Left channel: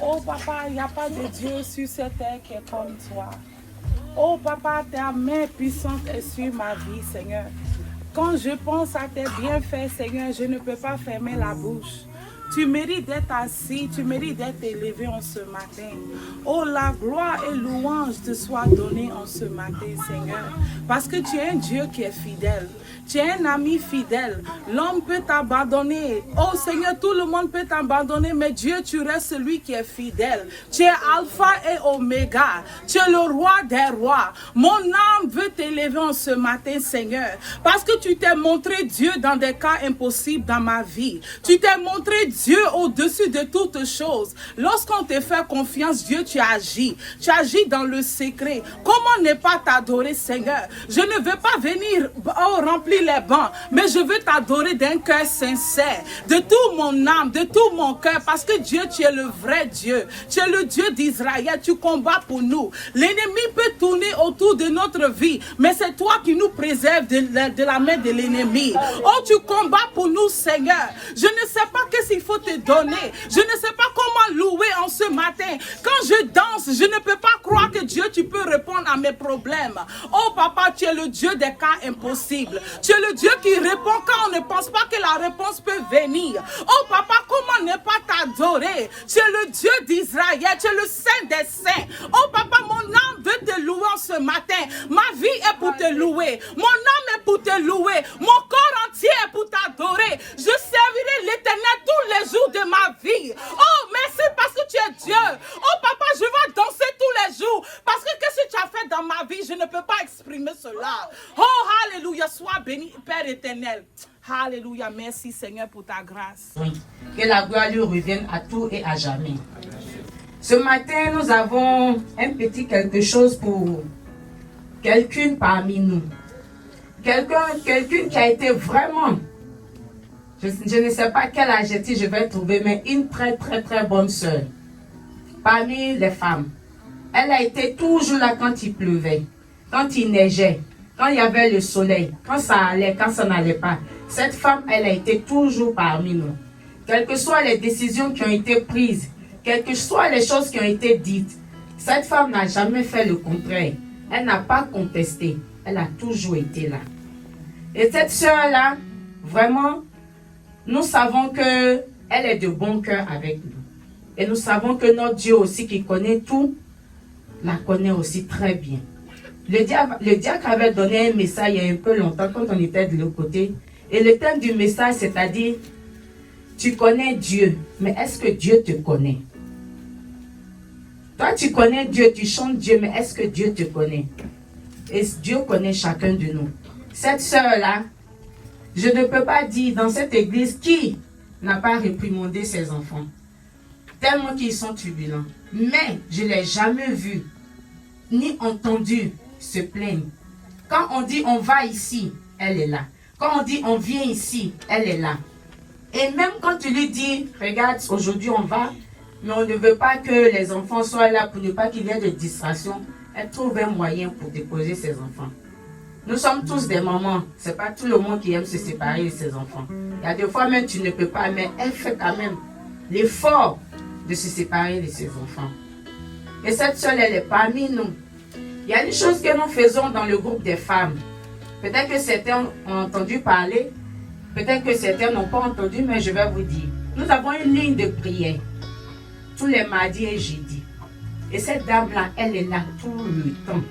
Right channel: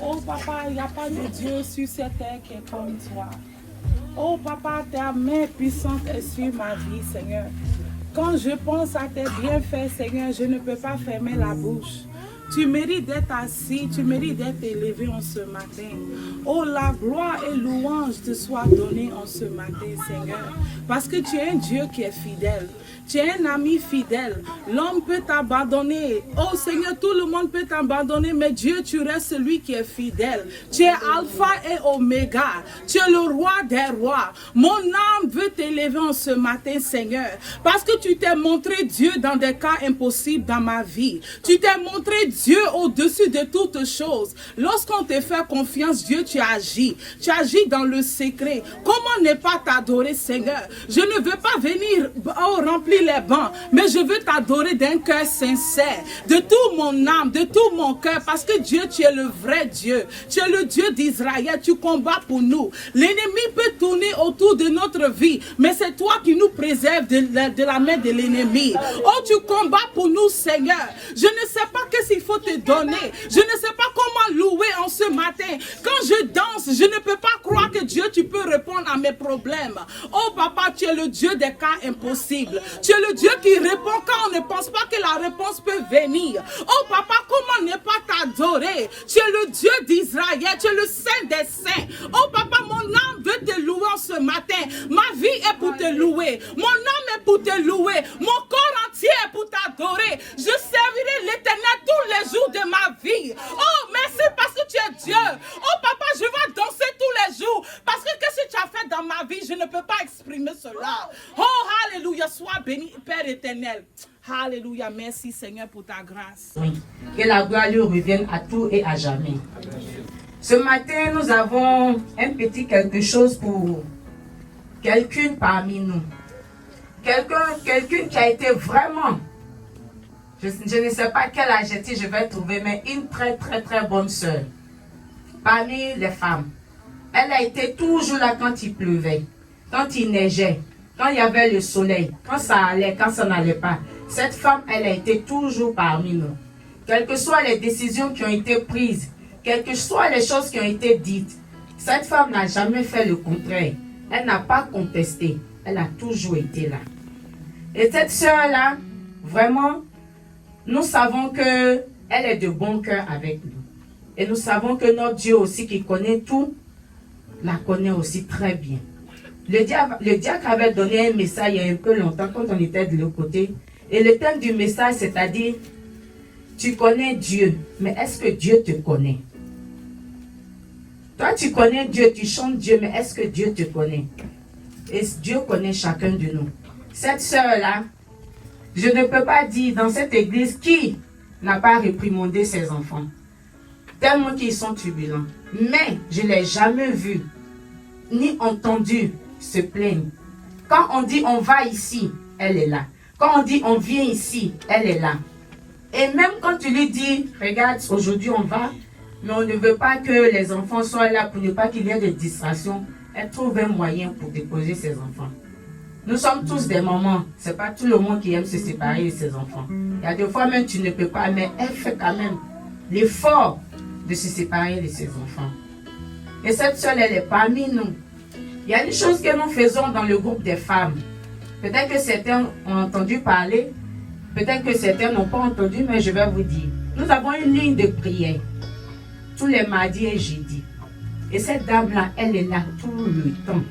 Oh papa, il n'y a pas de Dieu sur cette terre qui est comme toi. Oh papa, ta main puissante est sur ma vie, Seigneur. Quand je pense à tes bienfaits, Seigneur, je ne peux pas fermer la bouche. Tu mérites d'être assis, tu mérites d'être élevé en ce matin. Oh, la gloire et louange te soient données en ce matin, Seigneur. Parce que tu es un Dieu qui est fidèle. Tu es un ami fidèle. L'homme peut t'abandonner. Oh Seigneur, tout le monde peut t'abandonner, mais Dieu, tu restes celui qui est fidèle. Tu es Alpha et Oméga. Tu es le roi des rois. Mon âme veut t'élever en ce matin, Seigneur. Parce que tu t'es montré Dieu dans des cas impossibles dans ma vie. Tu t'es montré Dieu au-dessus de toutes choses. Lorsqu'on te fait confiance, Dieu, tu agis. Tu agis dans le secret. Comment ne pas t'adorer, Seigneur? Je ne veux pas venir remplir les bancs, mais je veux t'adorer d'un cœur sincère, de tout mon âme, de tout mon cœur, parce que Dieu, tu es le vrai Dieu. Tu es le Dieu d'Israël. Tu combats pour nous. L'ennemi peut tourner autour de notre vie, mais c'est toi qui nous préserves de la main de l'ennemi. Oh, tu combats pour nous, Seigneur. Je ne sais pas qu'est-ce qu'il faut te donner. Je ne sais pas comment louer en ce matin. Quand je danse, je ne peux pas croire que Dieu, tu peux répondre à mes problèmes. Oh, papa, tu es le Dieu des cas impossibles. Tu es le Dieu qui répond quand on ne pense pas que la réponse peut venir. Oh, papa, comment ne pas t'adorer? Tu es le Dieu d'Israël. Tu es le Saint des Saints. Oh, papa, mon âme veut te louer en ce matin. Ma vie est pour te louer. Mon âme est pour te louer. Mon corps entier est pour t'adorer. Je servirai l'Éternel tous les jours de ma vie. Oh, merci parce que tu es Dieu. Oh, papa, je vais danser tous les jours. Parce que qu'est-ce que tu as fait dans ma vie? Je ne peux pas exprimer cela. Oh, alléluia, sois béni, Père éternel. Alléluia, merci Seigneur pour ta grâce. Que la gloire lui revienne à tout et à jamais. Ce matin, nous avons un petit quelque chose pour quelqu'un parmi nous. Quelqu'un qui a été vraiment, je ne sais pas quel adjectif je vais trouver, mais une très bonne sœur. Parmi les femmes. Elle a été toujours là quand il pleuvait, quand il neigeait, quand il y avait le soleil, quand ça allait, quand ça n'allait pas. Cette femme, elle a été toujours parmi nous. Quelles que soient les décisions qui ont été prises, quelles que soient les choses qui ont été dites, cette femme n'a jamais fait le contraire. Elle n'a pas contesté. Elle a toujours été là. Et cette sœur-là, vraiment, nous savons que Elle est de bon cœur avec nous. Et nous savons que notre Dieu aussi qui connaît tout, la connaît aussi très bien. Le diacre avait donné un message il y a un peu longtemps quand on était de l'autre côté. Et le thème du message, c'est-à-dire, tu connais Dieu, mais est-ce que Dieu te connaît? Toi, tu connais Dieu, tu chantes Dieu, mais est-ce que Dieu te connaît? Et Dieu connaît chacun de nous. Cette sœur-là, je ne peux pas dire dans cette église qui n'a pas réprimandé ses enfants. Tellement qu'ils sont turbulents. Mais je ne l'ai jamais vu, ni entendu se plaindre. Quand on dit on va ici, elle est là. Quand on dit on vient ici, elle est là. Et même quand tu lui dis, regarde, aujourd'hui on va, mais on ne veut pas que les enfants soient là pour ne pas qu'il y ait de distractions, elle trouve un moyen pour déposer ses enfants. Nous sommes tous des mamans. Ce n'est pas tout le monde qui aime se séparer de ses enfants. Il y a des fois même tu ne peux pas, mais elle fait quand même l'effort de se séparer de ses enfants. Et cette soeur, elle est parmi nous. Il y a des choses que nous faisons dans le groupe des femmes. Peut-être que certains ont entendu parler, peut-être que certains n'ont pas entendu, mais je vais vous dire. Nous avons une ligne de prière tous les mardis et jeudis. Et cette dame-là, elle est là tout le temps.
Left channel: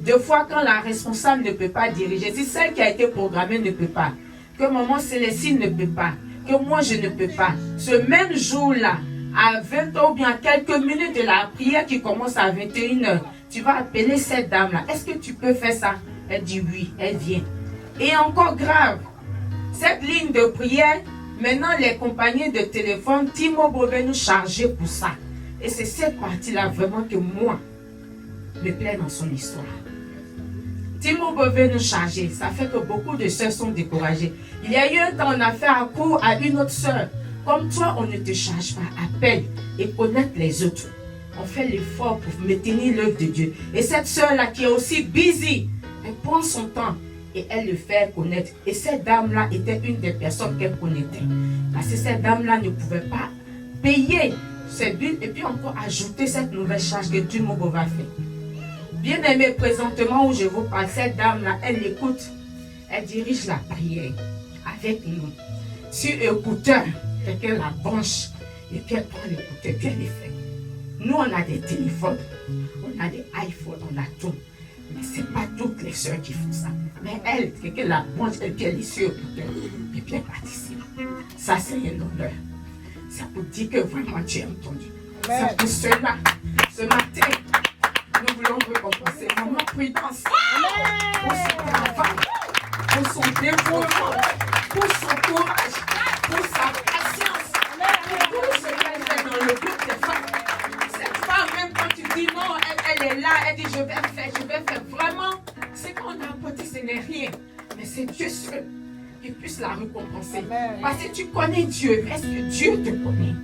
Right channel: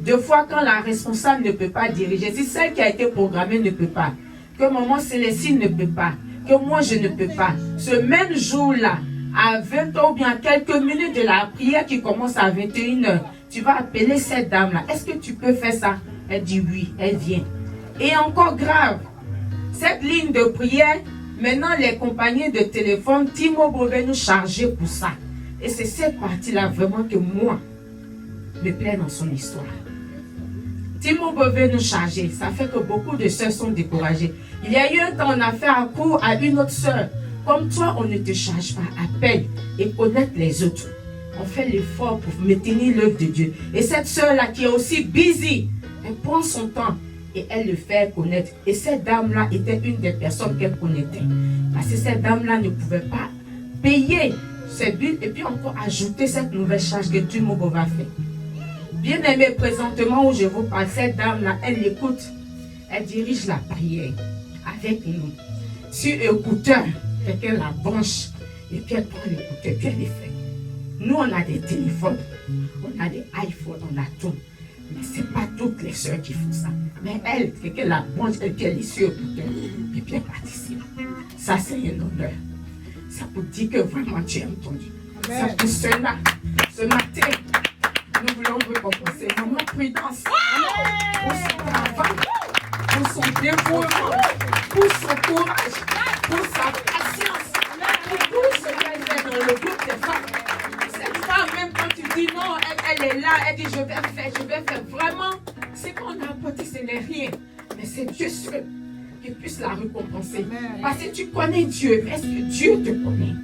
Deux fois, quand la responsable ne peut pas diriger, si celle qui a été programmée ne peut pas, que maman Célestine ne peut pas, que moi je ne peux pas, ce même jour-là, à 20 h ou bien quelques minutes de la prière qui commence à 21 h, tu vas appeler cette dame-là. Est-ce que tu peux faire ça? Elle dit oui, elle vient. Et encore grave, cette ligne de prière, maintenant les compagnies de téléphone, T-Mobile veut nous charger pour ça. Et c'est cette partie-là vraiment que moi, me plaît dans son histoire. T-Mobile veut nous charger. Ça fait que beaucoup de sœurs sont découragées. Il y a eu un temps, on a fait un cours à une autre sœur. Comme toi, on ne te charge pas. Appelle et connaître les autres. On fait l'effort pour maintenir l'œuvre de Dieu. Et cette sœur-là qui est aussi busy, elle prend son temps et elle le fait connaître. Et cette dame-là était une des personnes qu'elle connaissait. Parce que cette dame-là ne pouvait pas payer ses billes et puis encore ajouter cette nouvelle charge que Dieu va faire. Bien aimé, présentement où je vous parle, cette dame-là, elle écoute. Elle dirige la prière avec nous. Sur écouteur, quelqu'un la branche et puis elle prend l'écouteur, puis elle le fait. Nous, on a des téléphones, on a des iPhones, on a tout. Mais ce n'est pas toutes les soeurs qui font ça. Mais elle, quelqu'un la branche et puis elle est sur écouteur et puis elle participe. Ça, c'est un honneur. Ça pour dire que vraiment tu as entendu. Ça pour cela, ce matin, nous voulons récompenser Maman Prudence pour son travail, pour son dévouement, pour son courage, pour sa patience, pour tout ce qu'elle fait dans le groupe de femmes. Cette femme, même quand tu dis non, elle est là, elle dit je vais faire. Vraiment, c'est qu'on a apporté, ce n'est rien. Mais c'est Dieu seul qui puisse la récompenser. Parce que tu connais Dieu. Est-ce que Dieu te connaît?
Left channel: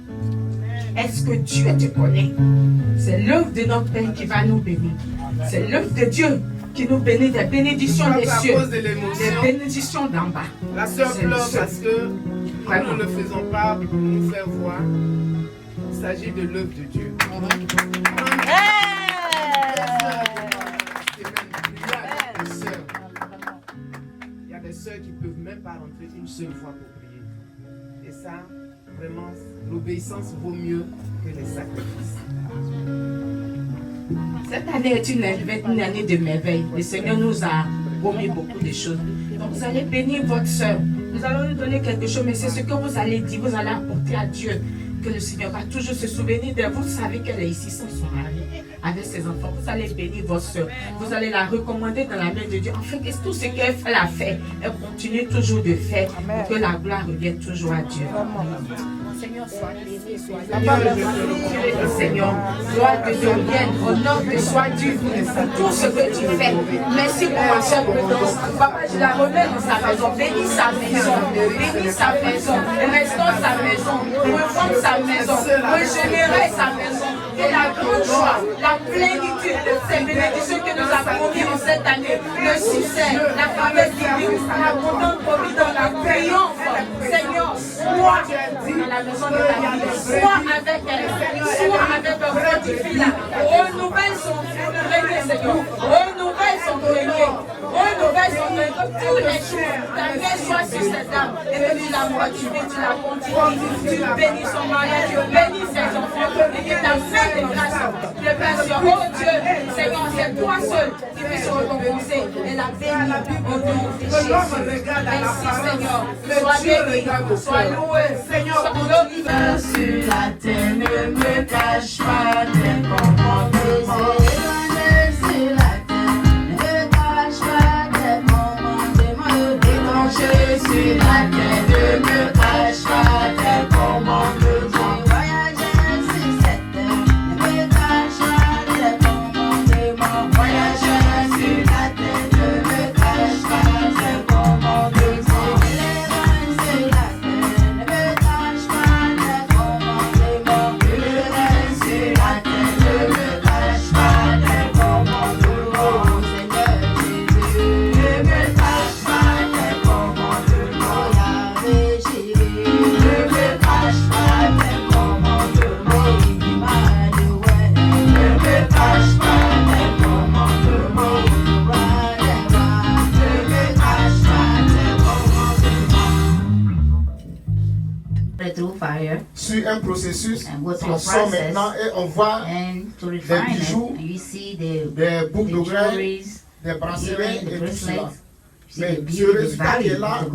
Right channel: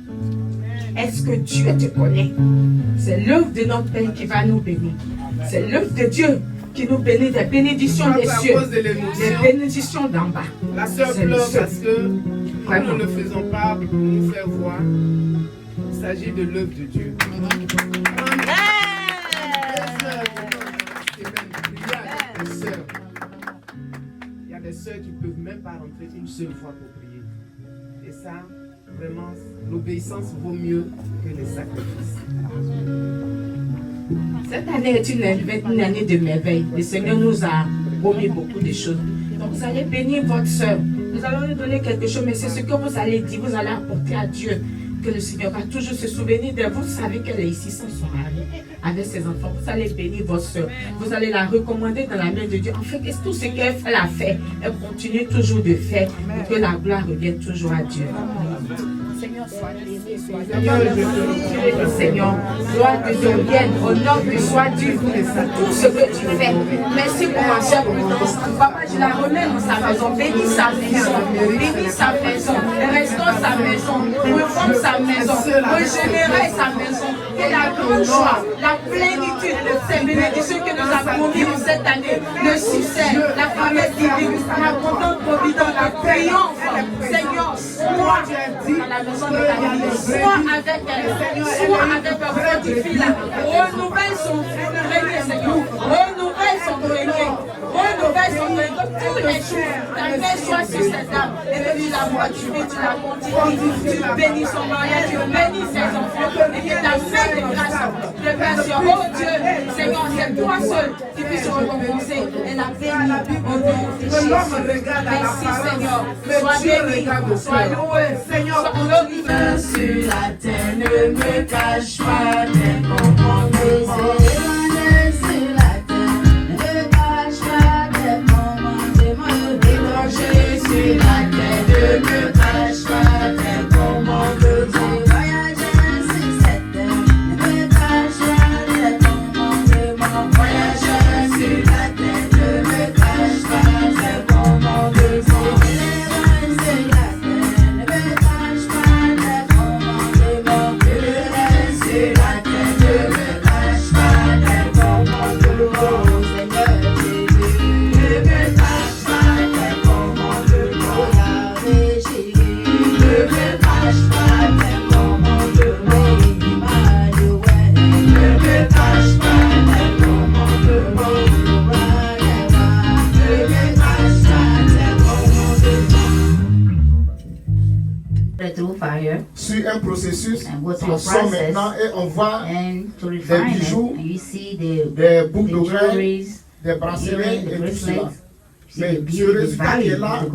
Est-ce que Dieu te connaît? C'est l'œuvre de notre Père qui va nous bénir. C'est l'œuvre de Dieu qui nous bénit des bénédictions des cieux, des bénédictions d'en bas. La sœur pleure parce que nous ne faisons pas pour nous faire voir. Il s'agit de l'œuvre de Dieu. Il y a des sœurs qui ne peuvent même pas rentrer une seule fois pour prier. Et ça, vraiment, l'obéissance vaut mieux que les sacrifices. Cette année est une année de merveille. Le Seigneur nous a promis beaucoup de choses. Donc vous allez bénir votre soeur. Nous allons lui donner quelque chose, mais c'est ce que vous allez dire, vous allez apporter à Dieu. Que le Seigneur va toujours se souvenir d'elle. Vous savez qu'elle est ici sans son mari, avec ses enfants. Vous allez bénir votre soeur. Vous allez la recommander dans la main de Dieu. En fait, tout ce qu'elle fait, elle a fait. Elle continue toujours de faire. Pour que la gloire revienne toujours à Dieu. Seigneur, sois béni, Seigneur, gloire de Dieu vienne, honneur soit dû pour tout ce que tu fais. Merci pour ma soeur Prudence. Papa, je la remets dans sa maison. Bénis sa maison, bénis sa maison, restaure sa maison, reforme sa maison, régénère sa maison. Et la grande joie, la plénitude, les bénédictions que nous avons eues en cette année, le succès, la faveur divine, l'abondante providence, la payance, Seigneur, sois avec elle, sois avec votre fille là, renouvelle son fils, Seigneur, renouvelle son bénédiction, renouvelle son main de tous les jours. Ta main soit sur cette femme. Et bénis la voix du Dieu, tu vas continuer. Bénis son mariage, bénis ses enfants. Et ta main de grâce. Que personne, oh Dieu, c'est toi seul qui puisse son nom poser. Et la bénis au nom de Jésus. Merci Seigneur. Sois béni, sois loué, Seigneur, sois glorifié. Sur la terre, ne me cache pas tes commandements. Sur la terre, ne me cache pas tes commandements. Déranger sur la terre, ne me cache pas tes commandements. Voyager sur cette terre, ne me cache pas tes commandements. Voyager sur la terre, ne me cache pas tes commandements. Sur un processus, on sort maintenant et on voit des bijoux, des boucles d'oreilles, des bracelets et tout cela. Mais ce résultat qui est là,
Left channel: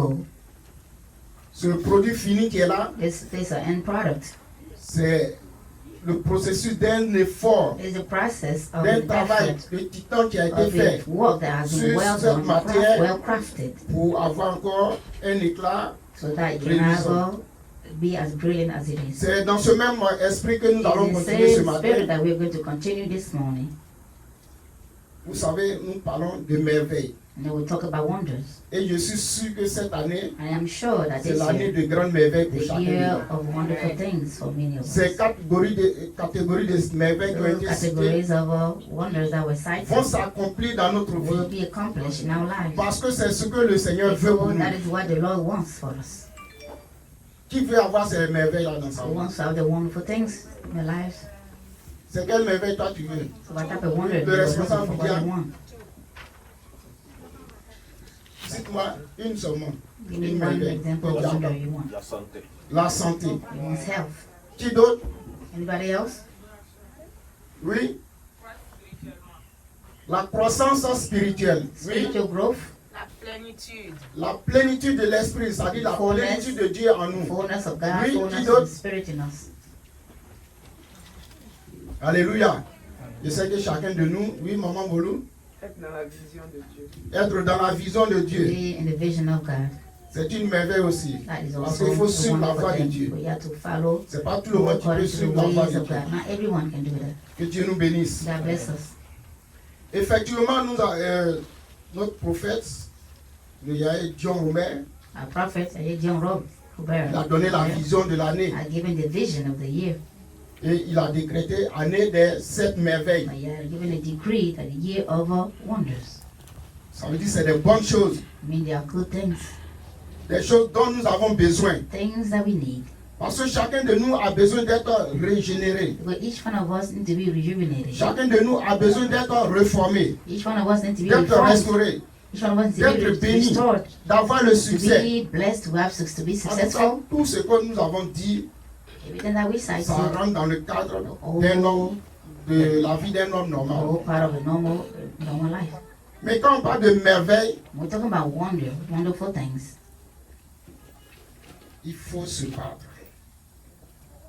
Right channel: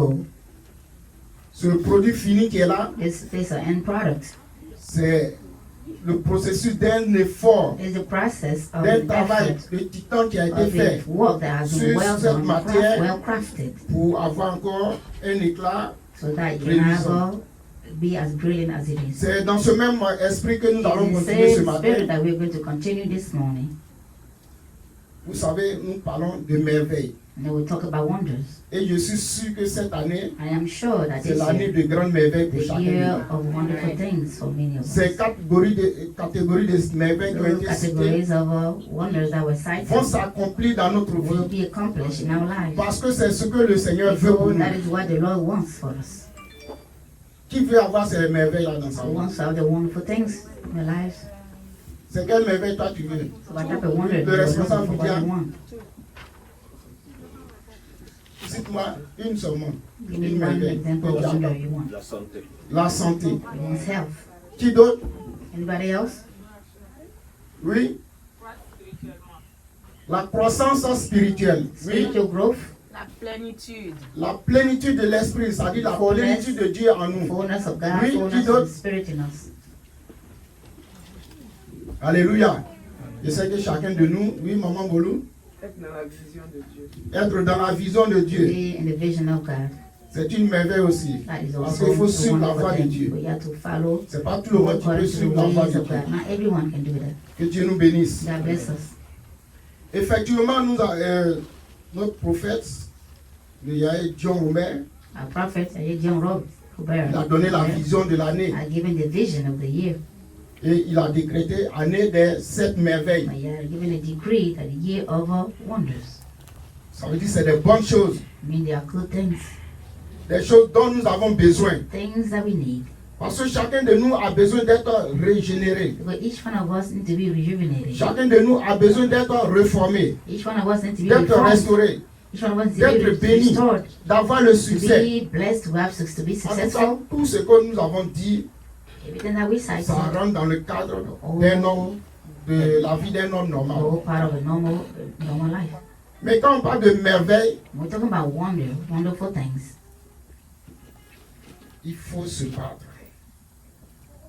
ce produit fini qui est là, c'est le processus d'un effort, d'un travail de titan qui a été fait sur cette matière pour avoir encore un éclat reluisant. Be as brilliant as it is. C'est dans ce même esprit que nous allons continuer ce matin. That we're going to continue this morning. Vous savez, nous parlons de merveilles. And we'll talk about wonders. Et je suis sûr que cette année, I am sure that c'est l'année de grandes merveilles pour chacun de nous. Ces catégories de merveilles qui ont été citées vont s'accomplir dans notre vie. Parce que c'est ce que le Seigneur veut pour nous. Qui veut avoir ces merveilles-là dans sa vie? C'est quelle merveille toi tu veux? Le responsable vous dit, cite-moi une seulement. Une merveille. La santé. La santé. Qui d'autre? Oui. La croissance spirituelle. Oui. Plénitude. La plénitude de l'esprit, c'est-à-dire la plénitude de Dieu en nous. Oui, qui d'autre? Alléluia. Je sais que chacun de nous, oui, Maman Bolou, Être dans la vision de Dieu. Être dans la vision de Dieu. C'est une merveille aussi. Parce qu'il faut suivre la voie de Dieu. Ce n'est pas tout le monde qui peut suivre la voie de Dieu. Que Dieu nous bénisse. Effectivement, notre prophète, il a donné la vision de l'année. Et il a décrété année des 7 merveilles. Ça veut dire que c'est des bonnes choses. Des choses dont nous avons besoin. Parce que chacun de nous a besoin d'être régénéré. Chacun de nous a besoin d'être réformé, d'être restauré, d'être béni, d'avoir le succès. En tout cas, tout ce que nous avons dit, ça rentre dans le cadre d'un homme, de la vie d'un homme normal. Mais quand on parle de merveille, il faut se battre.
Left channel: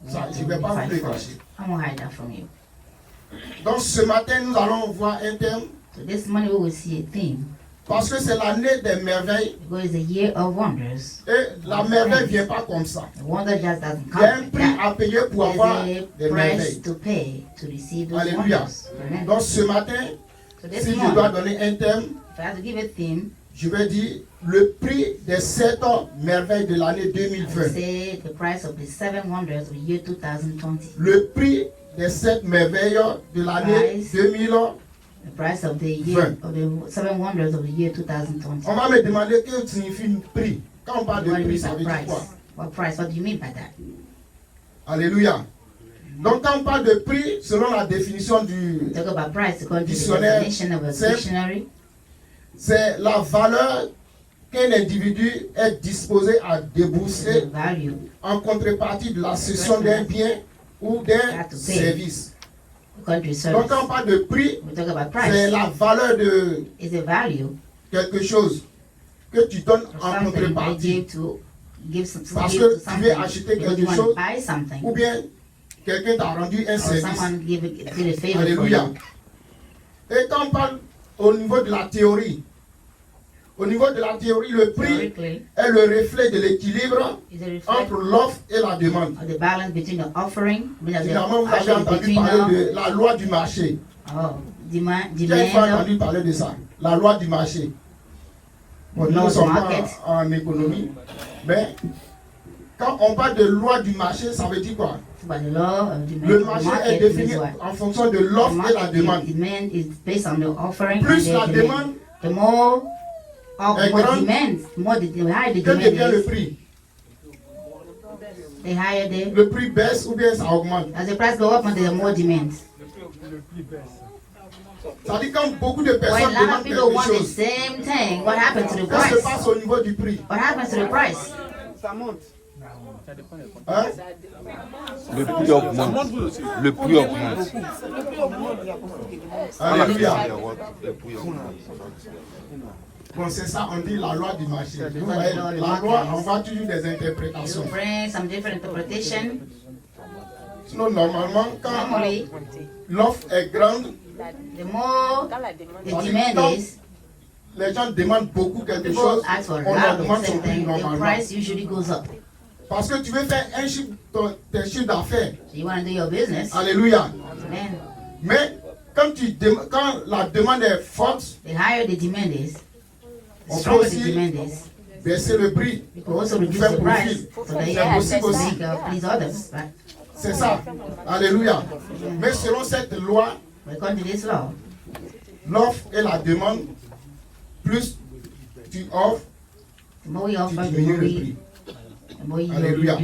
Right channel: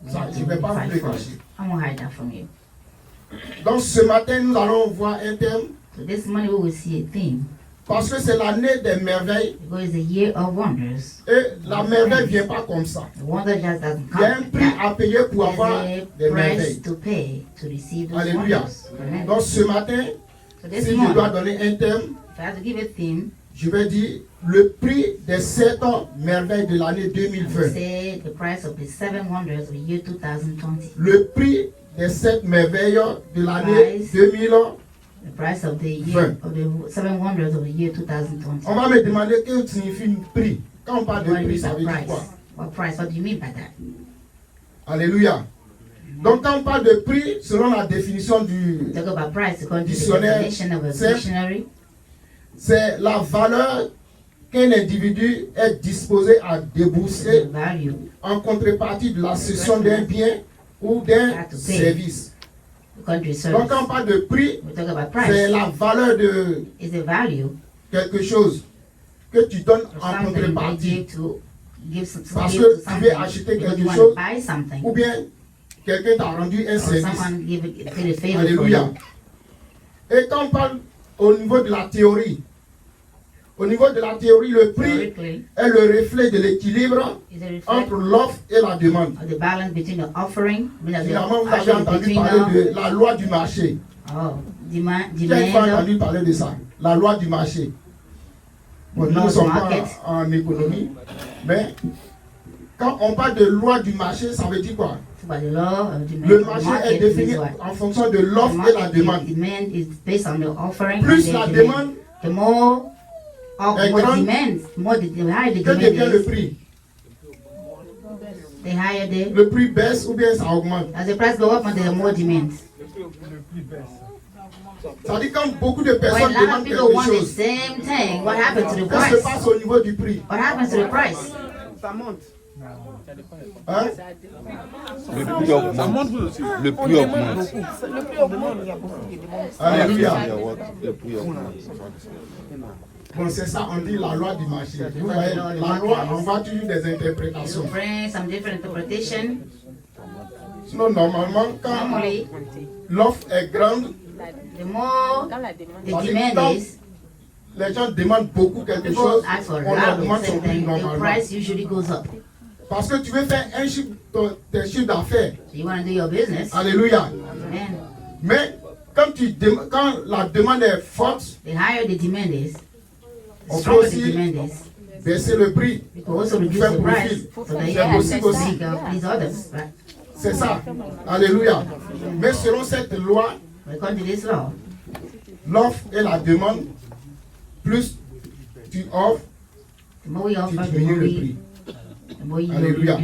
Ça, je ne vais pas vous le cacher. Donc ce matin, nous allons voir un thème. Parce que c'est l'année des merveilles. Et la merveille ne vient pas comme ça. Il y a un prix à payer pour avoir des merveilles. Alléluia. Donc ce matin, si je dois donner un thème, je vais dire le prix des 7 merveilles de l'année 2020. Le prix des 7 merveilles de l'année 2020. On va me demander que signifie prix. Quand on parle de prix, ça veut dire quoi? Alléluia. Donc quand on parle de prix, selon la définition du dictionnaire, c'est la valeur qu'un individu est disposé à débourser en contrepartie de la cession d'un bien ou d'un service. Donc quand on parle de prix, c'est la valeur de quelque chose que tu donnes en contrepartie. Parce que tu veux acheter quelque chose ou bien quelqu'un t'a rendu un service. Alléluia. Et quand on parle au niveau de la théorie, le prix est le reflet de l'équilibre entre l'offre et la demande. Évidemment, vous avez entendu parler de la loi du marché. Qui a entendu parler de ça? La loi du marché. Bon, nous ne sommes pas en économie, mais quand on parle de loi du marché, ça veut dire quoi? Le marché est défini en fonction de l'offre et la demande. Plus la demande est grande, que devient le prix? Le prix baisse ou bien ça augmente? Ça dit quand beaucoup de personnes demandent quelque chose, qu'est-ce qui se passe au niveau du prix? Ça monte. Hein? Le prix augmente. Le prix augmente. Alléluia. Le prix augmente. Bon, c'est ça, on dit la loi du marché. Vous voyez, la loi, on va toujours des interprétations. Sinon, normalement, quand l'offre est grande, les gens demandent beaucoup quelque chose, on leur demande son prix normalement. Parce que tu veux faire tes chiffres d'affaires. Alléluia. Mais quand la demande est forte, on peut aussi baisser le prix pour faire profit. C'est possible aussi. C'est ça. Alléluia. Mais selon cette loi, l'offre et la demande, plus tu offres, tu diminues le prix. Alléluia.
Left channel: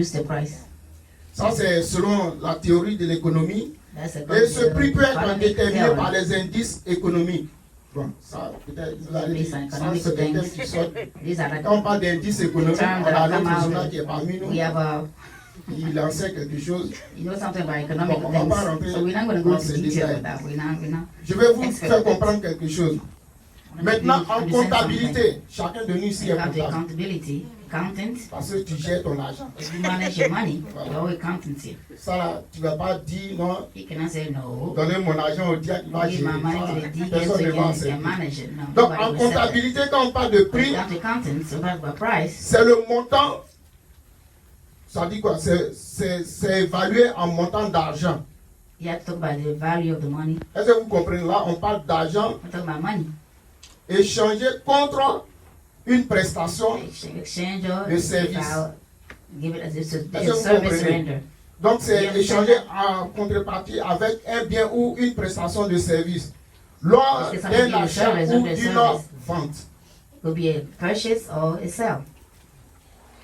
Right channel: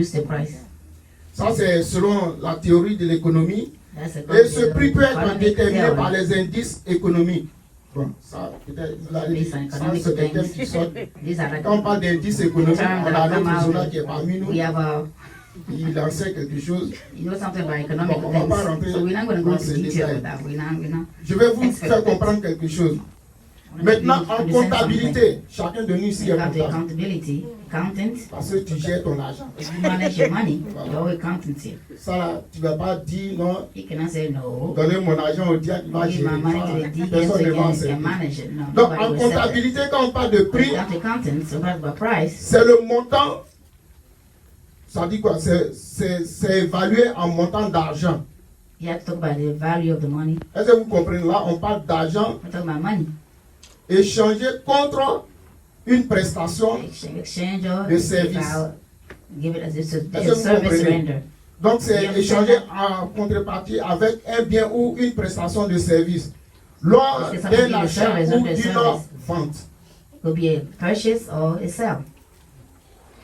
Ça, c'est selon la théorie de l'économie. Et ce prix peut être déterminé par les indices économiques. Bon, ça, peut-être, c'est un thème qui sort. Quand on parle d'indices économiques, on a l'autre journal qui est parmi nous. Il en sait quelque chose. Bon, on ne va pas rentrer dans ces détails. Je vais vous faire comprendre quelque chose. Maintenant, en comptabilité, chacun de nous ici est comptable. Parce que tu gères ton argent. Ça là, tu ne vas pas dire non, donner mon argent au diable qui va gérer. Personne ne va en servir. Donc, en comptabilité, quand on parle de prix, c'est le montant. Ça dit quoi? C'est évalué en montant d'argent. Est-ce que vous comprenez? Là, on parle d'argent échangé contre une prestation de service. Est-ce que vous comprenez? Donc, c'est échangé en contrepartie avec un bien ou une prestation de service. Lors d'un achat ou d'une vente.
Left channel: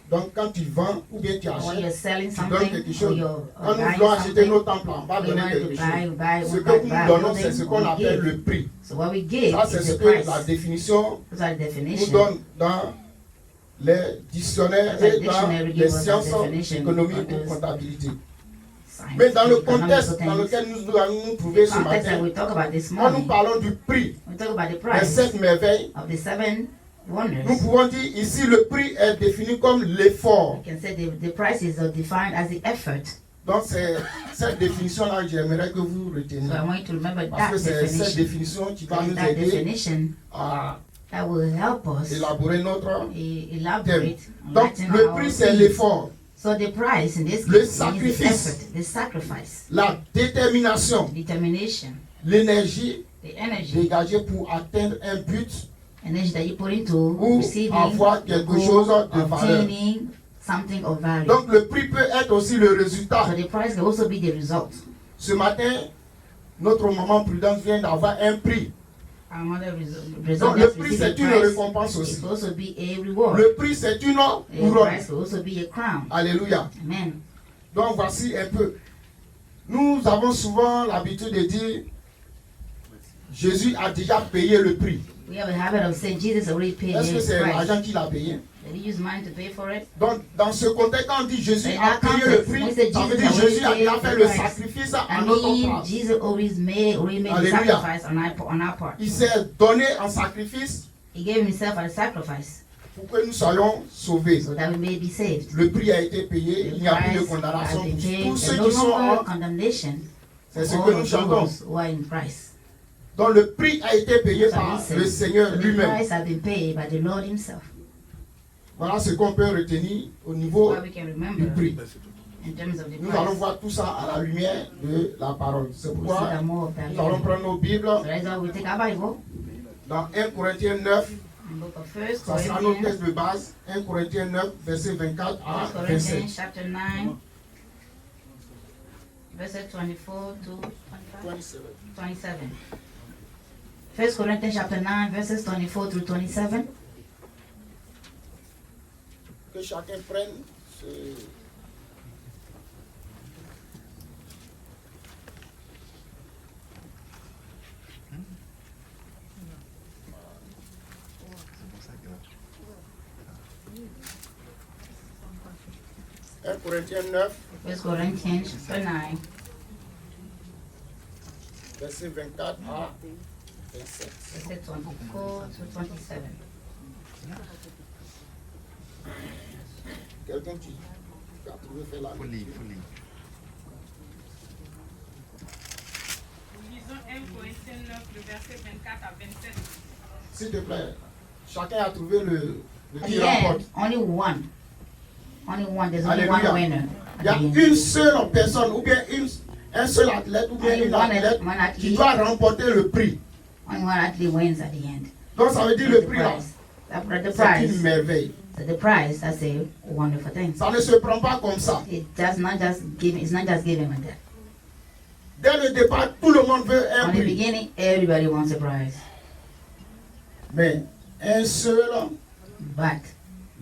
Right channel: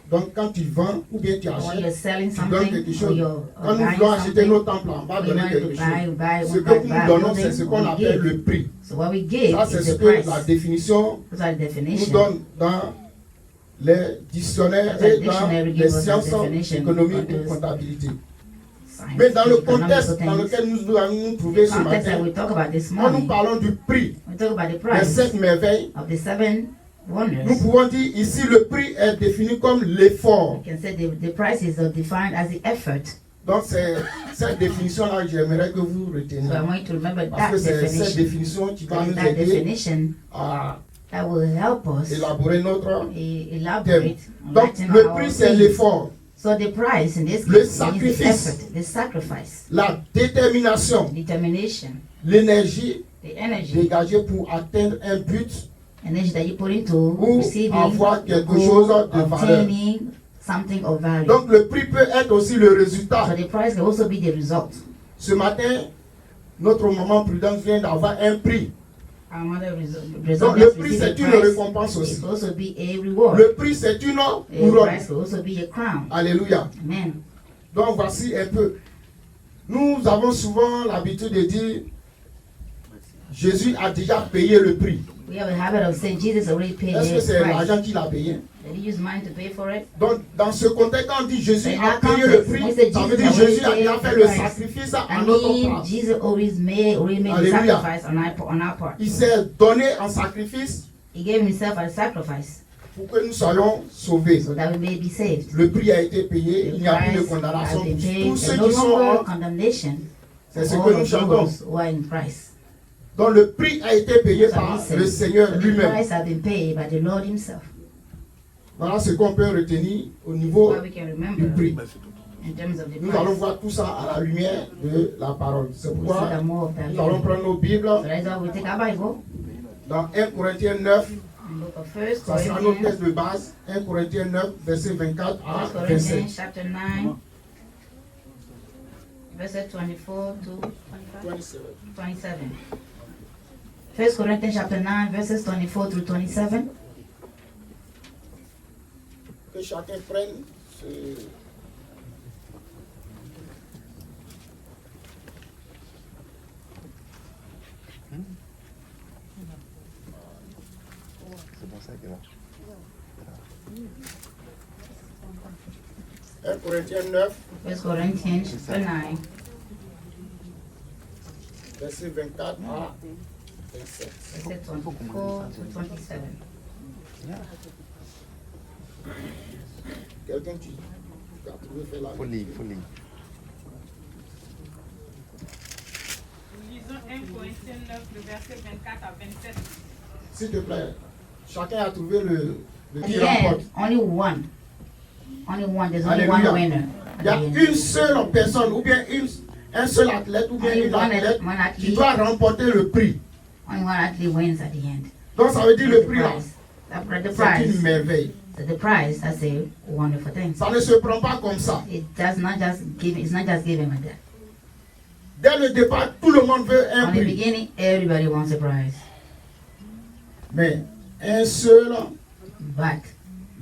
Donc, quand tu vends ou bien tu achètes, tu donnes quelque chose. Quand nous voulons acheter nos temples, on va donner quelque chose. Ce que nous donnons, c'est ce qu'on appelle le prix. Ça, c'est ce que la définition nous donne dans les dictionnaires et dans les sciences économiques et comptabilité. Mais dans le contexte dans lequel nous allons nous trouver ce matin, quand nous parlons du prix des 7 merveilles, nous pouvons dire ici le prix est défini comme l'effort. Donc c'est cette définition-là que j'aimerais que vous reteniez. Parce que c'est cette définition qui va nous aider à élaborer notre thème. Donc le prix c'est l'effort. Le sacrifice, la détermination, l'énergie dégagée pour atteindre un but ou avoir quelque chose de valeur. Donc le prix peut être aussi le résultat. Ce matin, notre maman Prudence vient d'avoir un prix. Donc le prix c'est une récompense aussi. Le prix c'est une couronne. Alléluia. Donc voici un peu. Nous avons souvent l'habitude de dire Jésus a déjà payé le prix. We have a habit of saying Jesus already paid Est-ce que the c'est price. l'argent qu'il a payé? Did he use mine to pay for it? Donc, dans ce contexte, quand on dit Jésus In a that payé le context, prix, when they say ça veut Jesus dire already Jésus a paid déjà the fait le price, sacrifice à I notre mean, place. Jesus already made the Hallelujah. sacrifice on our part. Il s'est donné en sacrifice He gave himself as a sacrifice pour que nous soyons sauvés. so that we may be saved. Le prix a été payé, The il n'y a plus de price condamnation has been pour paid. tous ceux There's no qui sont longer en... condemnation C'est ce for que all nous of chantons. those who are in Christ. Donc le prix a été payé So we par say, le Seigneur the lui-même. price has been paid by the Lord himself. Voilà ce qu'on peut retenir au niveau What we can du remember prix. in terms of the Nous allons price. voir tout ça à la lumière de la parole. C'est We'll see pourquoi that more of that nous allons later. prendre nos Bibles So that's why we take our Bible, dans 1 Corinthiens 9. in the book of 1 Ça sera notre texte Corinthians, de base. 1 Corinthiens 9, verset 24 à 1 27. Corinthians chapter 9, verset 24 to 25? 27. 1 Corinthians chapter 9, verses 24 through 27. Que chacun prenne ce... Un Corinthiens 9, 1 Corinthians chapter 9, verset 24 à 27. verset 24 to 27. Quelqu'un qui a trouvé faire la lecture. Lisons 1 Corinthiens 9, le verset 24 à 27. S'il te plaît, chacun a trouvé le At qui the remporte. end, only one. Only one. There's only one Alléluia. winner. Il y a At the end. une seule personne, ou bien un seul athlète, ou bien Only une one athlète athlete. qui doit remporter le prix. Only one athlete wins at the end. Donc ça veut dire le The prix, là, prize. The c'est une prize. merveille. So the prize, that's a wonderful thing. Ça ne se prend pas comme ça. It does not just give. It's not just given like that. Dès le départ, tout le monde veut un From the prix. beginning, everybody wants a prize, Mais un seul but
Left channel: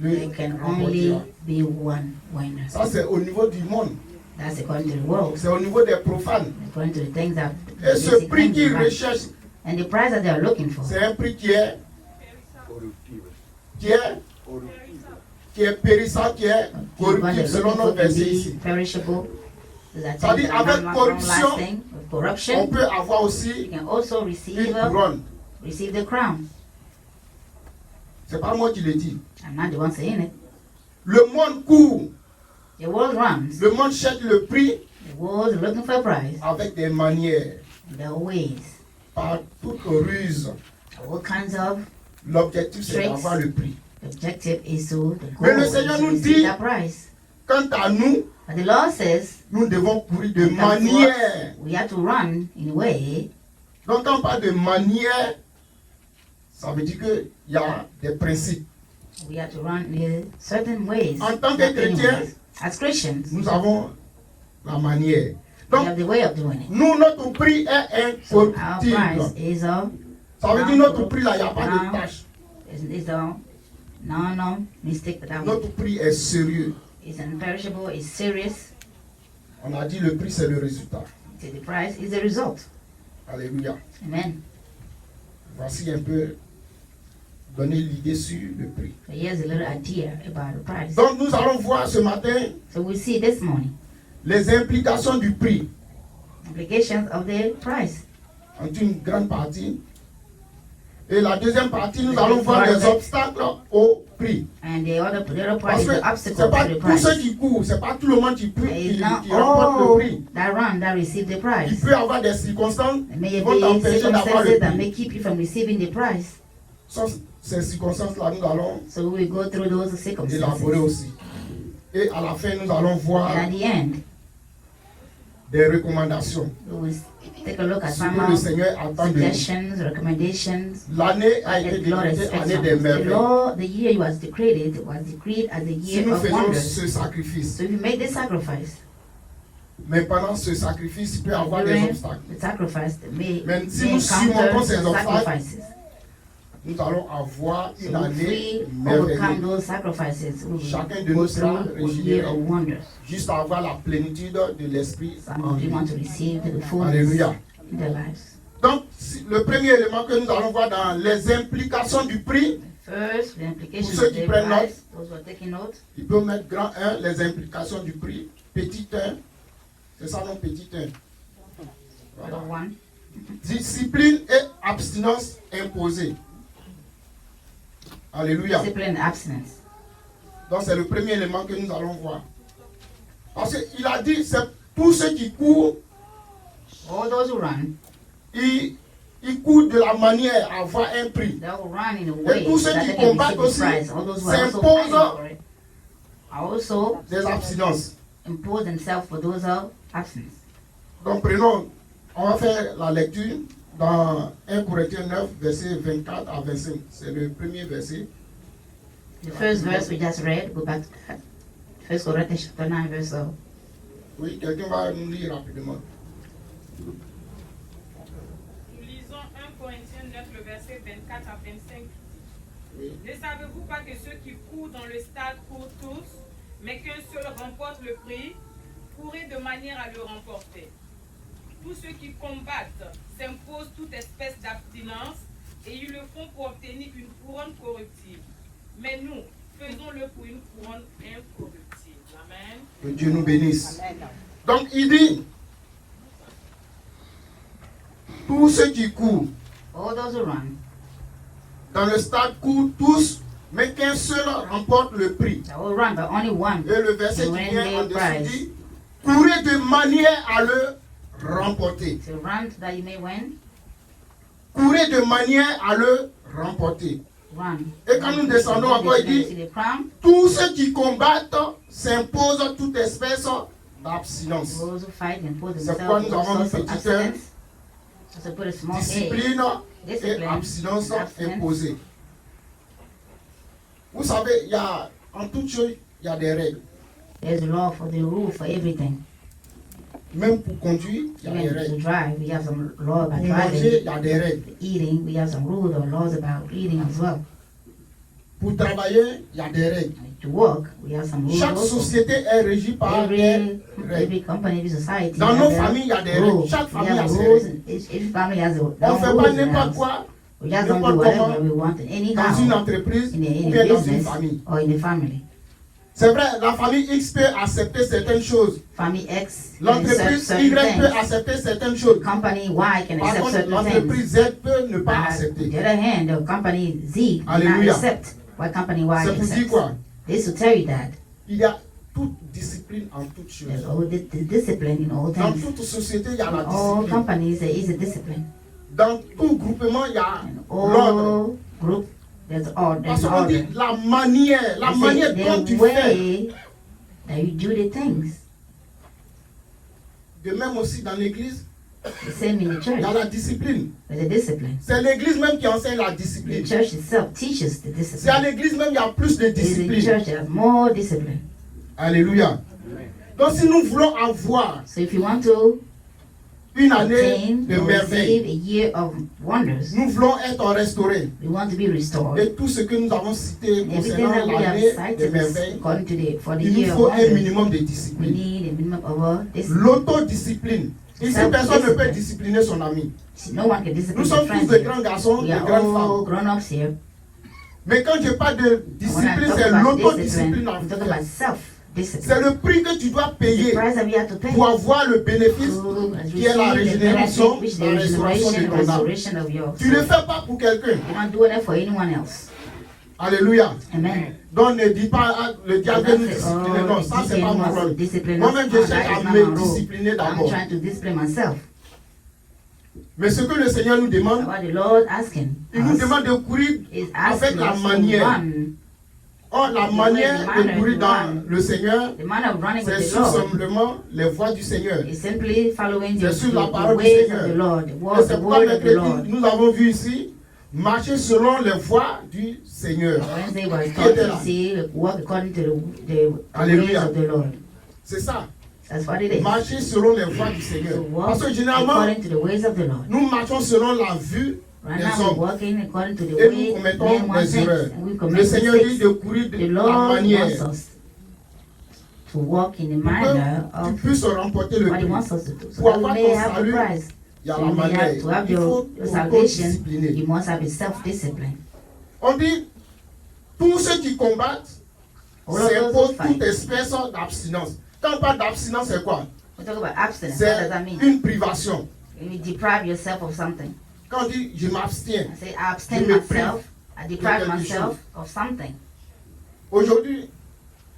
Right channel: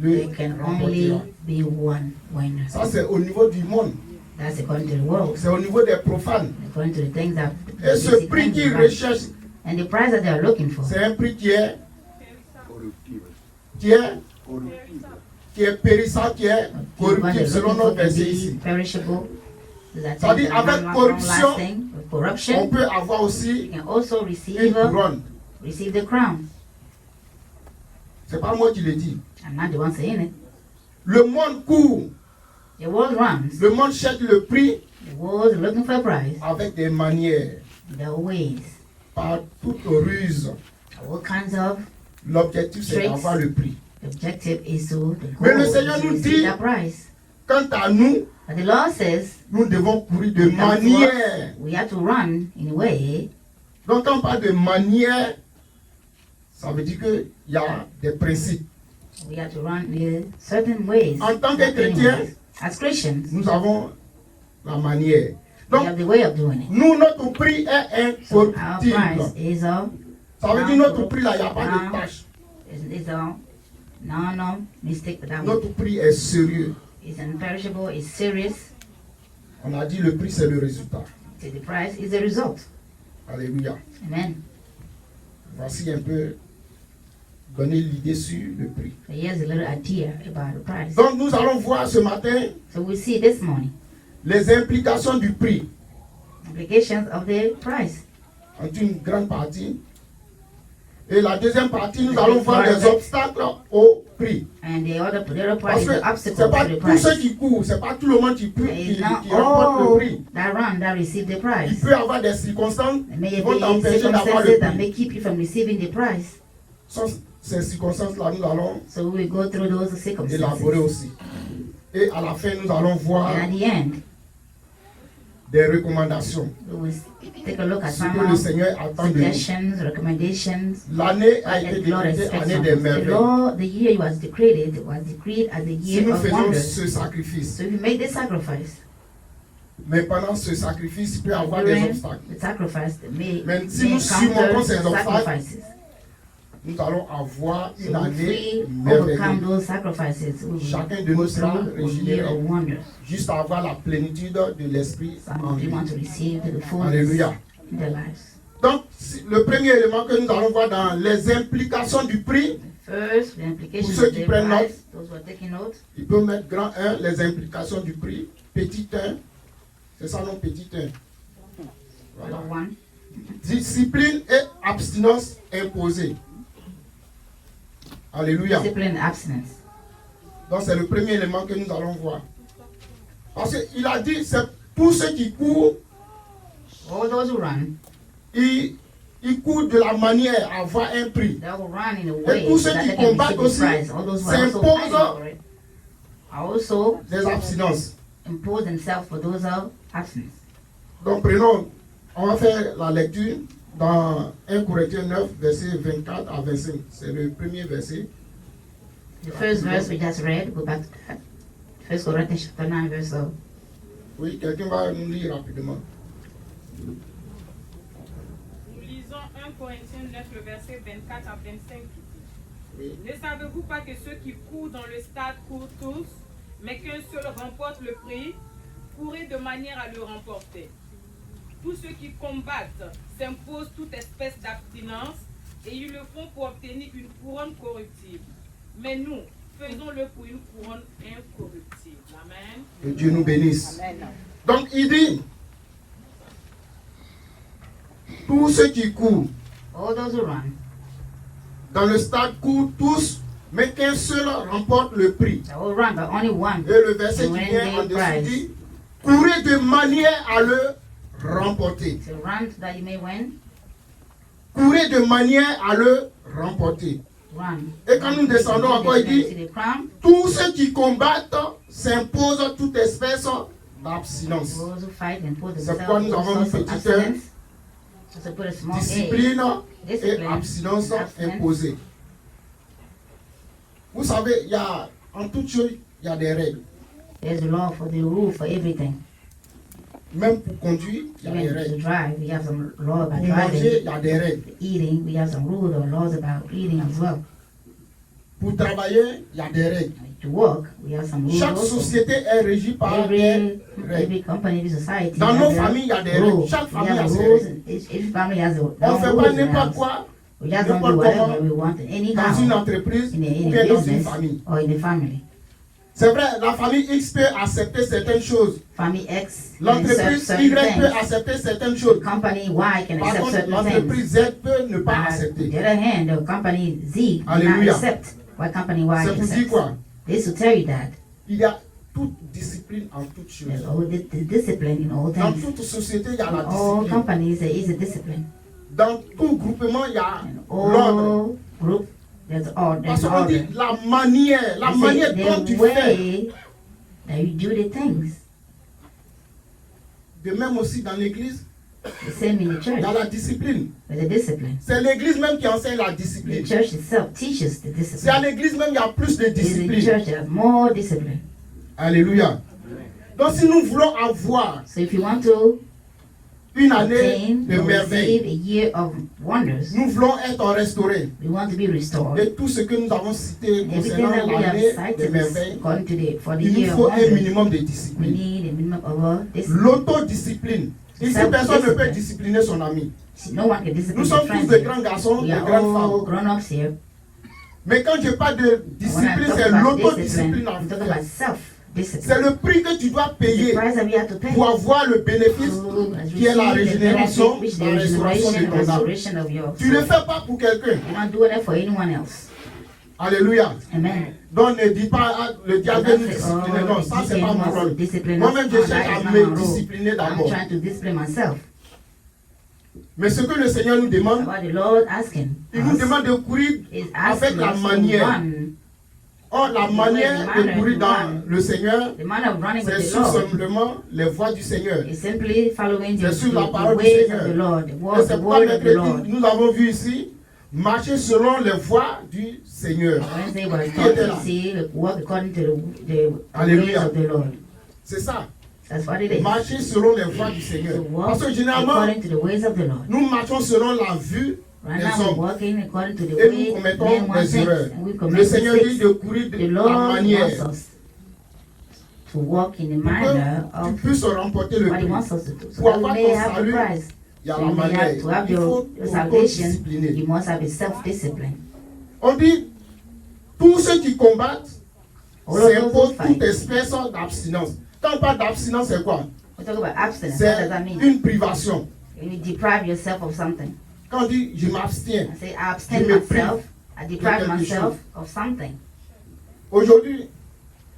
le there can only remportera. be one winner. Ça, c'est au niveau du monde. That's according to the world, C'est au niveau des profanes. according to the things that. Et ce prix qu'ils recherchent, And the prize that they are looking for c'est un prix qui est périssant, qui est corruptible, selon notre verset ici. perishable. Ça dit, avec corruption, on corruption, peut avoir aussi you can also une receive couronne. the crown. C'est pas moi qui le dis. I'm not the one saying it. Le monde court, The world runs. le monde cherche le prix The world is looking for a prize. avec des manières, There are ways. par toute ruse. All kinds of. L'objectif, c'est d'avoir le prix. The objective is to. The Mais le goal Seigneur is to nous receive dit- that prize. Quant à nous, But the Lord says nous devons courir de we have to- manière. we have to run in a way. Donc, quand on parle de manière, ça veut dire qu'il y a des principes. We have to run in certain ways. En tant que certain chrétien, ways. As Christians, nous avons la manière. we Donc, have the way of doing it. nous, notre prix est So our incorruptible. prize is of Ça veut dire notre prix, là, il n'y a pas de tâche. is no mistake that I'm Notre prix est sérieux. is imperishable, is serious. On a dit le prix, c'est le résultat. So the prize is a result. Alléluia. Amen. Voici un peu donner l'idée sur le prix. Here's a little idea about the prize. Donc, nous allons voir ce matin So we see this morning les implications du prix. implications of the prize. En une grande partie. Et la deuxième partie, nous allons voir les obstacles au prix. And the other little Parce prize que is c'est obstacle pas to the tous prize. ceux qui courent, c'est pas tout le monde qui peut, It's qui not remporte le all prix. that run that receive the Il prize. peut y avoir des circonstances There may qui vont t'empêcher be d'avoir circumstances le that prix. may keep you from receiving the prize. Sans ces circonstances-là, nous allons So we will go through those élaborer circumstances. aussi. Et à la fin, nous allons voir And at the end, des recommandations. we will take a look at Ce some que le of Seigneur attend de nous. suggestions, recommendations. L'année a été The Lord décrétée expects année from des us. The merveilles. Lord, the year was decreed as the Si year nous of faisons wonders. ce sacrifice, So if you make the sacrifice, mais pendant ce sacrifice, il peut y avoir des during obstacles. the sacrifice, they may Même si nous encounter surmontons ces some obstacles, sacrifices. nous allons avoir So une if année we overcome merveilleuse. those sacrifices, we Chacun will de go nous sera through a year régénéré of wonders. juste à avoir la plénitude de l'Esprit Some en of you nous. want to receive the fullness Alléluia. of their lives. Donc, Le premier élément que nous allons voir dans les implications du prix, First, the pour implications ceux of qui the prennent note, price, those who are taking note. ils peuvent mettre grand 1, les implications du prix, petit 1, c'est ça non, petit 1. Voilà. Number one. Discipline et abstinence imposée. Alléluia. Discipline and abstinence. Donc c'est le premier élément que nous allons voir. Parce qu'il a dit, c'est tous ceux qui courent, All those who run, ils courent de la manière à avoir un prix. they will run in a Et way tous so ceux that qui they can combattent receive aussi the prize. All those who are also s'imposent fighting for it are also des abstinences. impose themselves for those of abstinence. Donc prenons, on va faire la lecture dans 1 Corinthiens 9, versets 24 à 25. C'est le premier verset. The first verse we just read, go back to 1 Corinthians chapter 9, verse 12. Oui, quelqu'un va nous lire rapidement. Nous lisons 1 Corinthiens 9, le verset 24 à 25. Oui. Ne savez-vous pas que ceux qui courent dans le stade courent tous, mais qu'un seul remporte le prix? Courez de manière à le remporter. Tous ceux qui combattent s'imposent toute espèce d'abstinence et ils le font pour obtenir une couronne corruptible. Mais nous, faisons-le pour une couronne incorruptible. Amen. Que Dieu nous bénisse. Amen. Donc il dit, tous ceux qui courent All those who run, dans le stade courent tous, mais qu'un seul remporte le prix. they will run, but only one. Et le verset qui vient en dessous dit, courez de manière à le remporter. So run so that you may win. Courez de manière à le remporter. Run. Et quand nous descendons encore, il dit, See the crown. tous ceux qui combattent s'imposent toute espèce d'abstinence. Those who fight and put C'est pourquoi themselves nous avons in une source of petite abstinence. So to put a small A. discipline et Discipline. abstinence Abstinence. imposée. Vous savez, il y a, en toute chose, il y a des règles. There's a law for the rule for everything. Même pour conduire, il y a des Like to règles. drive, we have some law about Pour manger, driving. il y a des règles. Eating, we have some rules or laws about eating as well. Pour travailler, il y a des règles. To work, we have some rules. Chaque société est régie par des Every règles. company, every society Dans has nos their familles, il y a des règles. rules. Chaque We famille a have ses rules. règles. Each family has a On ne their fait rules pas in the n'importe house. quoi We just don't do n'importe whatever comment we want anyhow dans une entreprise in ou a bien dans une business famille. or in a family. C'est vrai, la famille X peut accepter certaines choses. Family X can accept L'entreprise certain Y peut things. accepter certaines choses. Company Y can Par accept contre, certain things. l'entreprise Z peut ne pas On the accepter. other hand, the company Z will not Alléluia. accept what company Y C'est pour dire accepts. quoi? This will tell you that. Il y a toute discipline en toutes There's choses. all the discipline in all Dans things. toute société, il y a la All discipline. companies, there is a discipline. Dans tout groupement, il y a l'ordre. All group, there's all, Parce there's qu'on order. dit la manière This dont is tu the fais. way that you do the things. De même aussi dans l'église, The same in the church. il y a la discipline. There's a discipline. C'est l'église même qui enseigne la The discipline. church itself teaches the C'est à discipline. l'église même qu'il y a plus de It is in the discipline. church that has more discipline. Alléluia. Donc si nous voulons avoir So if you want to une année obtain de or merveille, receive a year of wonders, nous voulons être restaurés we want to be restored. de tout ce que nous avons cité Everything concernant that we have l'année de cited merveille. is according to the, for the Il nous year of faut un wonders. minimum de We discipline. need a minimum of discipline. L'autodiscipline. Ici, personne ne peut discipliner son ami. No one can discipline Nous their sommes tous friends. de grands garçons, We de are grandes all femmes. grown-ups here. Mais quand je parle de When I discipline, talk c'est about discipline, l'autodiscipline. I'm talking about self-discipline. C'est le prix que tu dois The payer price that we have to pay pour avoir le bénéfice to qui est la régénération, la restauration de ton âme. restoration of your Tu ne le soul. fais pas pour quelqu'un. You don't do it for anyone else. Alléluia. Amen. Donc ne dis pas, ah, le diable veut nous discipliner. Non, ça c'est pas mon rôle. Moi-même, je cherche à me discipliner I'm d'abord. trying to discipline myself. Mais ce que le Seigneur nous demande, What the Lord asking il nous us demande de courir is avec asking la us to manière. run. Or, la manière de courir dans le Seigneur, The manner of running c'est with the tout Lord simplement les voies du Seigneur. is simply following the, C'est sur la the parole du ways Seigneur. of the Lord, the Et word, c'est the pourquoi word of the Lord. mercredi, nous avons vu ici, marcher selon les voies du Seigneur. Wednesday was taught to see work according to the ways Alléluia. of the Lord. C'est ça. That's what it is. Marcher selon les voies du Seigneur. To walk Parce que généralement, according to the ways of the Lord. nous marchons selon la vue Right des now, we're hommes. working according to the Et way nous commettons men want des things. erreurs. We commit Le Seigneur mistakes. dit de courir de The la Lord wants manière us to walk in the pour manner que tu of puisses remporter le what He prix. wants us to do, so Pour that we avoir may ton have the salut prize. il y a So la you manière. have to have Il faut your salvation. discipliner. You must have a self-discipline. On dit, tous ceux qui combattent All of those s'imposent who fight. toute espèce d'abstinence. Quand on parle d'abstinence, c'est quoi? We talk about abstinence. C'est What does that mean? une privation. You deprive yourself of something. Quand on dit je m'abstiens, I say I abstain Je me myself. I deprive quelque myself chose. of something. aujourd'hui,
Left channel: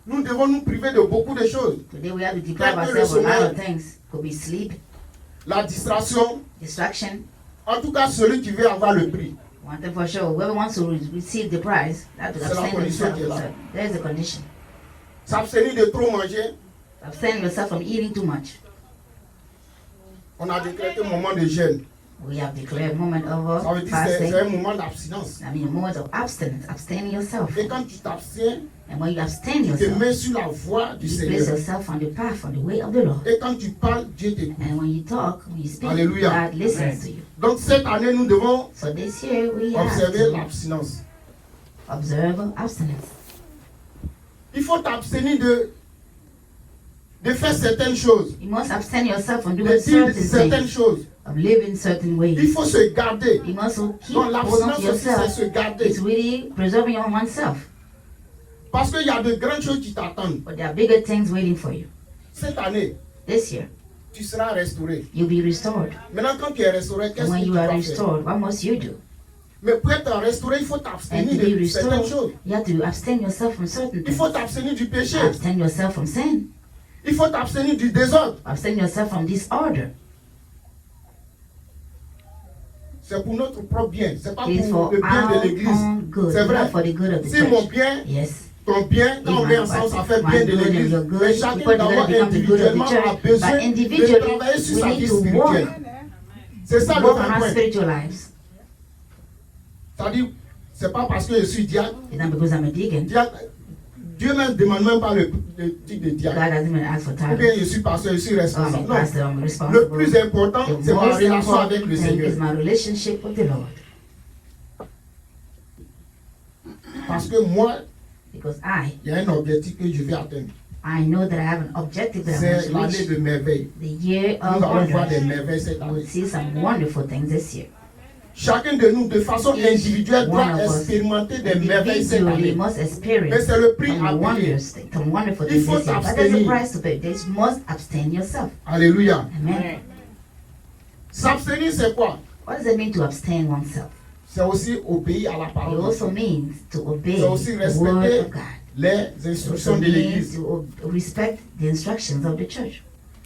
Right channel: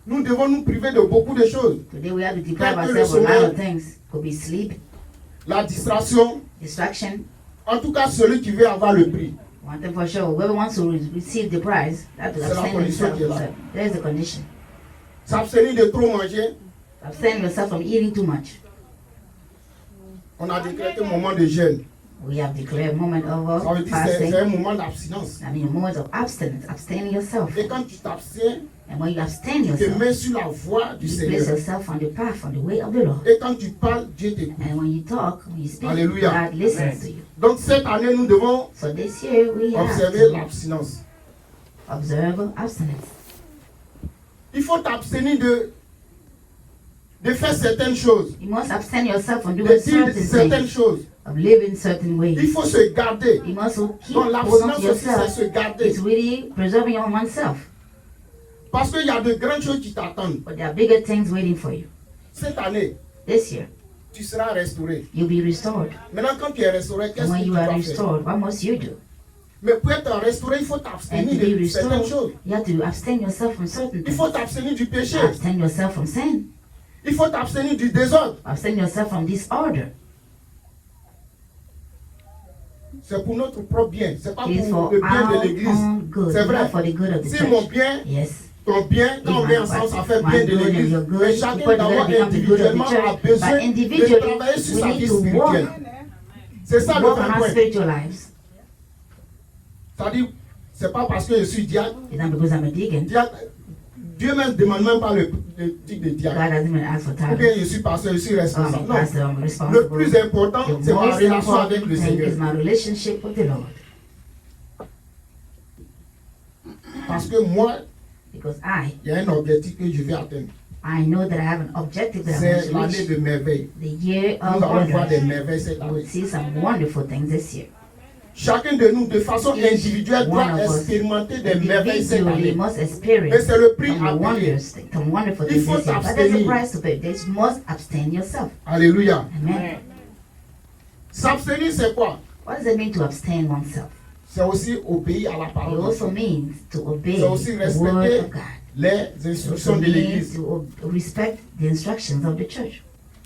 nous devons nous priver de beaucoup de choses. Today we have to deprive Quelques ourselves of a lot sommeil. of things. Could be sleep, La distraction, distraction. en tout cas celui qui veut avoir le prix. One thing for sure, whoever wants to receive the prize, they have to C'est la abstain condition themselves. qui est là. from certain- There is a condition. S'abstenir de trop manger, Abstain yourself from eating too much. on a décrété un moment de jeûne. We have declared a moment Ça veut of dire que c'est un fasting. moment d'abstinence. I mean, a moment of abstinence. Abstain yourself. Et quand tu t'abstiens, And when you abstain tu te yourself, mets sur la voie du you place Seigneur. yourself on the path, on the way of the Lord. Et quand tu parles, Dieu t'écoute. And when you talk, when you speak, Alléluia. God listens to you. Donc cette année, nous devons So this year we have observer to l'abstinence. observe abstinence. Il faut t'abstenir de faire certaines choses, You must abstain yourself from de doing dire certain certaines things, choses. of living certain Il ways. faut se garder. You must also keep Donc hold on l'abstinence to aussi, c'est yourself. se garder. It's really preserving on oneself. Parce qu'il y a de grandes choses qui t'attendent. But there are bigger things waiting for you. Cette année, This year, tu seras restauré. you'll be restored. Maintenant, quand tu es restauré, And qu'est-ce que when tu you dois are faire? restored, what must you do? Mais pour être restauré, il faut And t'abstenir to be de certaines restored, choses. you have to abstain yourself from certain Il things. faut t'abstenir du péché. Abstain yourself from sin. Il faut t'abstenir du désordre. Abstain yourself from disorder. C'est pour notre propre bien. C'est pas It is pour for le bien de our l'église. own good, C'est not vrai. for the good of the Si mon church. bien, Yes. ton bien, quand on met ensemble, ça fait bien de l'église. Mais chacun d'abord individuellement a besoin de travailler sur sa vie spirituelle. C'est ça le Work on vrai our point. spiritual lives. C'est-à-dire, c'est pas parce que je suis diacre. It's not because I'm a deacon. Dieu ne demande même pas le titre de diacre. God doesn't even ask for Ou titles. bien je suis pasteur, je suis I'm a responsable. pastor, I'm Non. Le responsible. plus important, The c'est ma most relation avec important le thing Seigneur. is my relationship with the Lord. Parce que moi, Because il y a un objectif que je vais atteindre. I know that I have an objective that C'est I want l'année to de merveille. reach. The year Nous of allons voir des wonders. merveilles cette We année. will see some wonderful things this year. Chacun de nous, de façon individuelle, doit expérimenter des merveilles cette Individually, année. must Et experience c'est le prix some à payer. wonders, some wonderful Il things faut this year. But there's a s'abstenir. price to pay. You must abstain yourself. Alléluia. Amen. S'abstenir, c'est quoi? What does it mean to abstain oneself? C'est aussi obéir à la It parole. de also Dieu. means to obey C'est aussi the word respecter of God. les It instructions also de means l'Église. to respect the instructions of the church.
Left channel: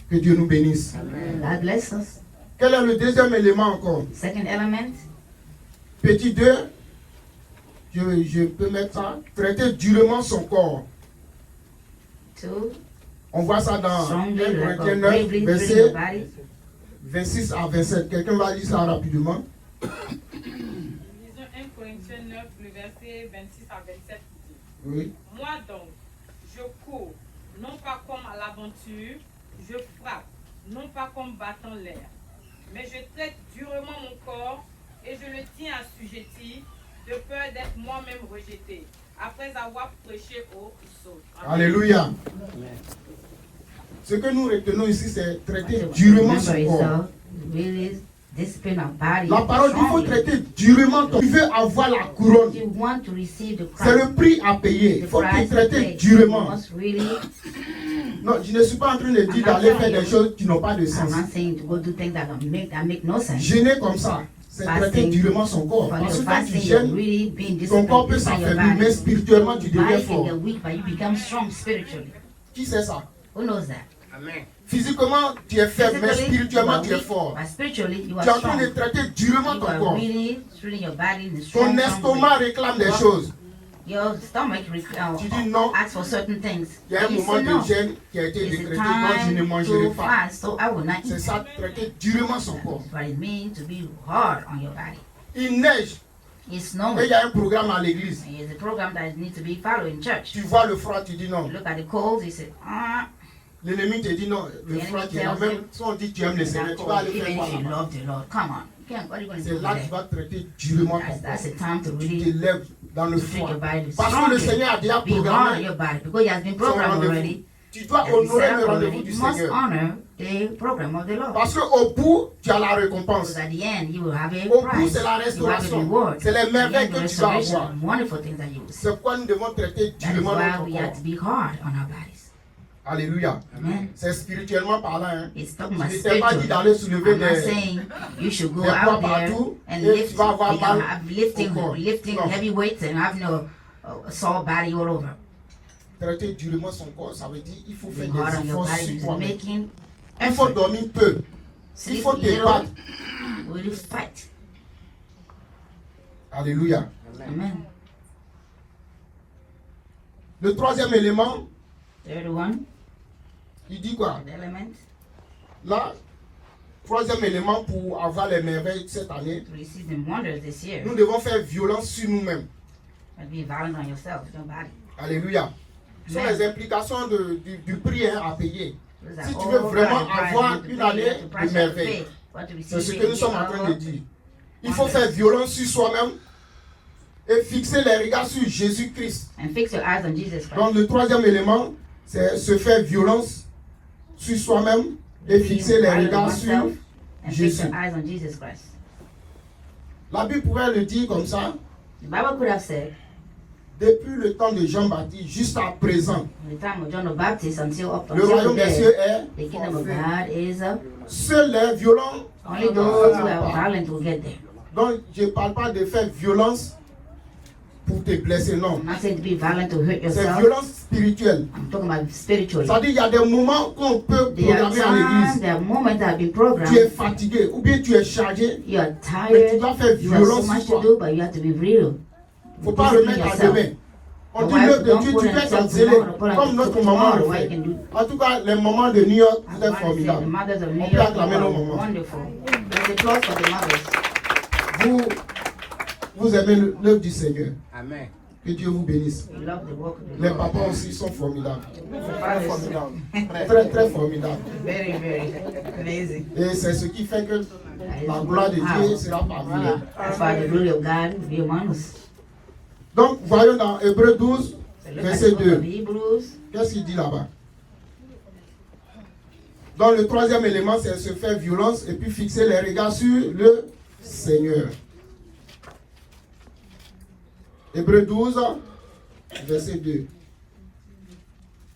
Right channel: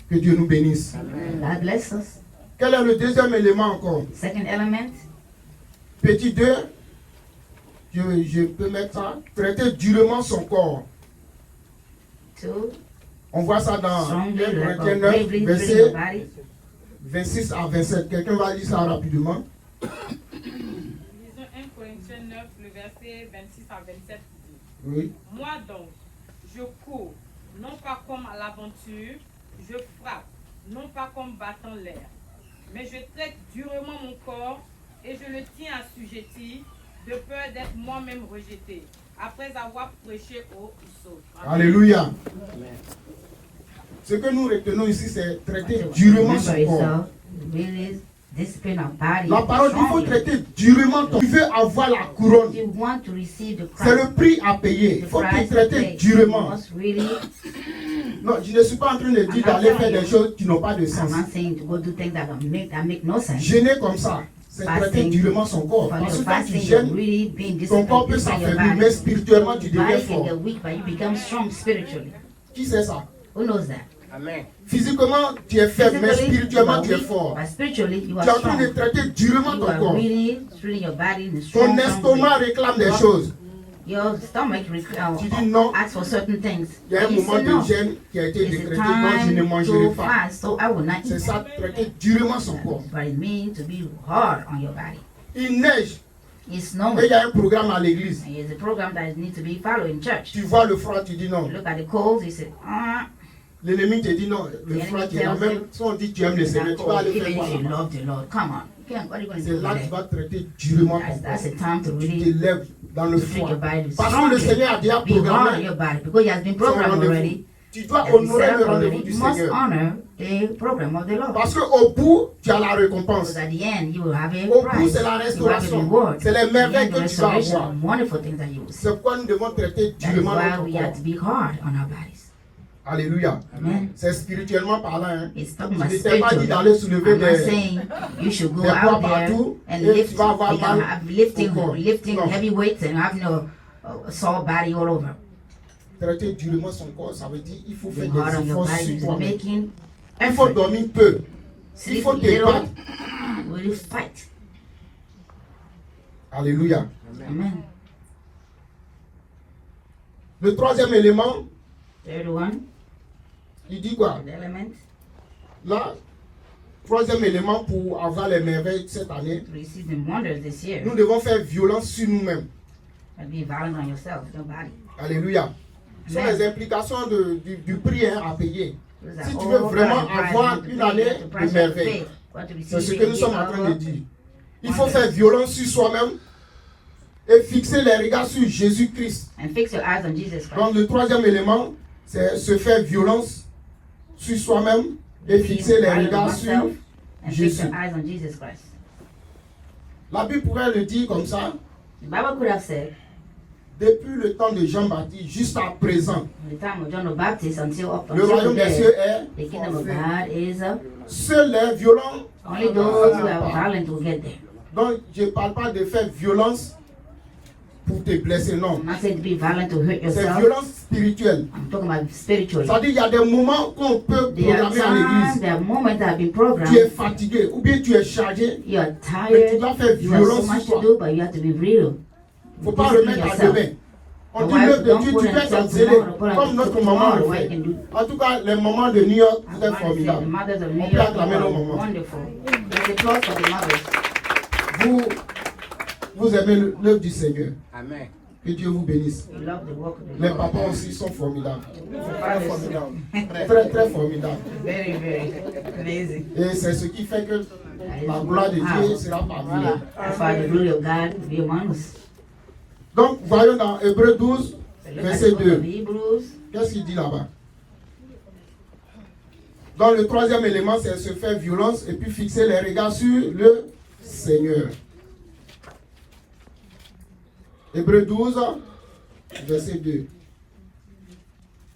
Que Dieu nous bénisse. God bless us. Quel est le deuxième élément encore? Second element, Petit 2, je peux mettre ça. Traiter durement son corps. two, On voit ça dans 1 strongly, like Corinthiens 9, bravely treat your verset body. 26 à 27. Quelqu'un va lire ça rapidement. Lisons 1 Corinthiens 9, le verset 26 à 27. Oui. Moi donc, je cours, non pas comme à l'aventure, je frappe, non pas comme battant l'air, mais je traite durement mon corps et je le tiens assujetti, de peur d'être moi-même rejeté, après avoir prêché aux autres. Alléluia. Ce que nous retenons ici, c'est traiter durement son Remember corps. yourself, really discipline our body. La parole, il faut traiter durement ton corps. Tu veux avoir la couronne. You want to receive the C'est le crown. prix à payer. Il The faut te price to traiter pay. durement. You must really, Non, je ne suis pas en train de dire d'aller faire des choses qui n'ont pas de I'm sens. not saying to go do things that make no sense. Jeûner comme ça, c'est traiter durement son corps. When Parce you're que quand tu fasting, you're jeûnes, really being ton corps peut disciplined by your s'affaiblir, body. mais spirituellement, tu deviens Fasting, fort. you're weak, but you become strong spiritually. Qui sait ça? Who knows that? Physiquement, tu es faible, mais Physically, spirituellement, you tu are es fort. weak, but spiritually, you Tu are es en train de strong. traiter durement You ton are corps. really treating your body in a Ton strong estomac way. réclame des choses. Your stomach Tu dis non. asks for certain things. Il y a un You moment say no. de jeûne qui a été It's décrété, a donc je ne time mangerai to pas. fast, so I will not C'est eat. ça, traiter durement son corps. But it means to be hard on your body. Il neige, It's et snowing. il y a un programme à l'église. And there's a program that needs to be followed in church. Tu vois le froid, tu dis non. Look at the cold, you say, L'ennemi te dit non, le froid, tu es là. Même si on dit que tu aimes le Seigneur, tu vas aller faire quoi you là-bas? love the Lord. Come on. You can't, what are you going to C'est do là que tu today? vas traiter durement ton That's corps. a time to Tu te really lèves dans le treat froid. your body Parce que le strongly. Seigneur a déjà Be hard on programmé. your body because He has been programmed rendez-vous. already tu dois At the honorer le rendez-vous ceremony, du you must Seigneur. honor the program of the Lord. Parce qu'au bout, tu as la récompense. Because at the end, you will have a Au bout, prize. c'est la You have a restauration. reward. C'est les merveilles And que the tu vas restoration avoir. and wonderful things that you will see. C'est pourquoi nous devons traiter That is durement why notre we have corps. to be hard on our bodies. Alléluia. Amen. C'est spirituellement parlant. Hein. It's talking Je about ne t'ai pas dit spiritual. d'aller soulever I'm not des... saying you should go des poids out there partout and et lift, tu vas avoir become, mal have au corps. lifting Non. heavy weights and having a sore body all over. Traiter durement son corps, ça veut dire qu'il faut faire Being hard des on your efforts body sur is toi-même. making Il faut dormir peu. Il sleep faut te little. battre. Will you fight? Alléluia. Amen. Le troisième élément, Third one, il dit quoi? the element, Là, troisième élément pour avoir les merveilles cette année, to receive the wonders this year. nous devons faire violence sur nous-mêmes. And be violent on yourself, your body. Alléluia. Ce sont Amen. les implications du prix hein, à payer. Those are Si tu all veux vraiment prize, avoir the une price, année the de price of merveille, faith. What to c'est receive ce que nous the sommes en train de gift dire. of Il faut faire violence sur soi-même et fixer les regards sur Jésus-Christ. and fix your eyes on Jesus Christ. Donc le troisième élément, c'est se faire violence sur soi-même et fixer les regards sur and fix Jésus. your eyes on Jesus Christ. La Bible pourrait le dire comme ça, The Bible could have said, depuis le temps de Jean-Baptiste jusqu'à présent, from the time of John the Baptist until up le until royaume des today, cieux the est kingdom of forfait. God is Seuls les violents only ne those who passent are pas. violent will get there. Donc je ne parle pas de faire violence pour te blesser, non. I'm not saying to be violent to hurt C'est yourself. violence spirituelle. I'm talking about spiritual. C'est-à-dire qu'il y a des moments qu'on peut There are programmer à times, l'église. there are moments that have been Tu es programmed. fatigué ou bien tu es chargé. You're Mais tu tired. dois faire You have so violence much sur to toi. do, but you have to be real. Il ne faut pas Discipline remettre à yourself. demain. On The dit wife l'œuvre de don't Dieu, put tu peux herself être zélé, tomorrow, comme notre tomorrow, maman le what fait. you can do. En tout cas, les moments de New York, c'était The formidable. mothers of New On peut York acclamer nos are mamans. wonderful. There's a applause for the mothers. Vous aimez l'œuvre du Seigneur. Amen. Que Dieu vous bénisse. We love the work of the Les Lord. papas aussi sont formidables. Très formidable. Très, très formidables. Very, very amazing. Et c'est ce qui fait que la gloire de Dieu sera parmi nous. That's why the glory of God will be among us. Donc, voyons dans Hébreux 12, So look at verset the book 2. of Hebrews. Qu'est-ce qu'il dit là-bas? Donc, le troisième élément, c'est se faire violence et puis fixer les regards sur le Seigneur. Hébreux 12, verset 2.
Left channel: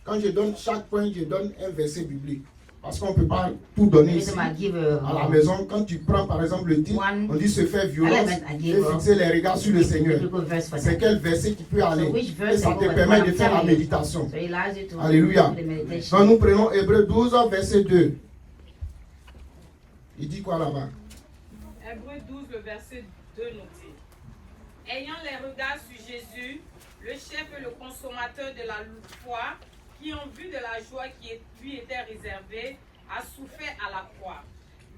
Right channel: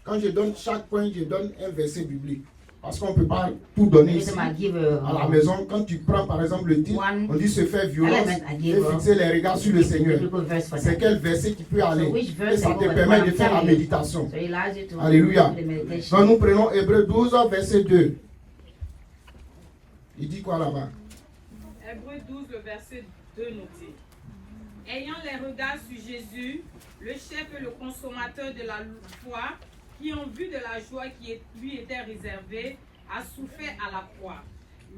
Quand je donne chaque point, je donne un verset biblique. Parce qu'on ne peut pas tout donner ici. Every time I give À la maison, quand tu prends par exemple le titre, on dit se faire violence et fixer les regards sur le Seigneur. biblical verse for C'est that. quel verset qui peut aller? So which Et verse ça I te go with permet what de I'm faire la telling you. méditation. So it allows you to Alléluia. do the meditation. Donc nous prenons Hébreux 12, verset 2. Il dit quoi là-bas? Hébreux 12, le verset 2 nous dit: Ayant les regards sur Jésus, le chef et le consommateur de la foi, qui en vue de la joie qui lui était réservée, a souffert à la croix,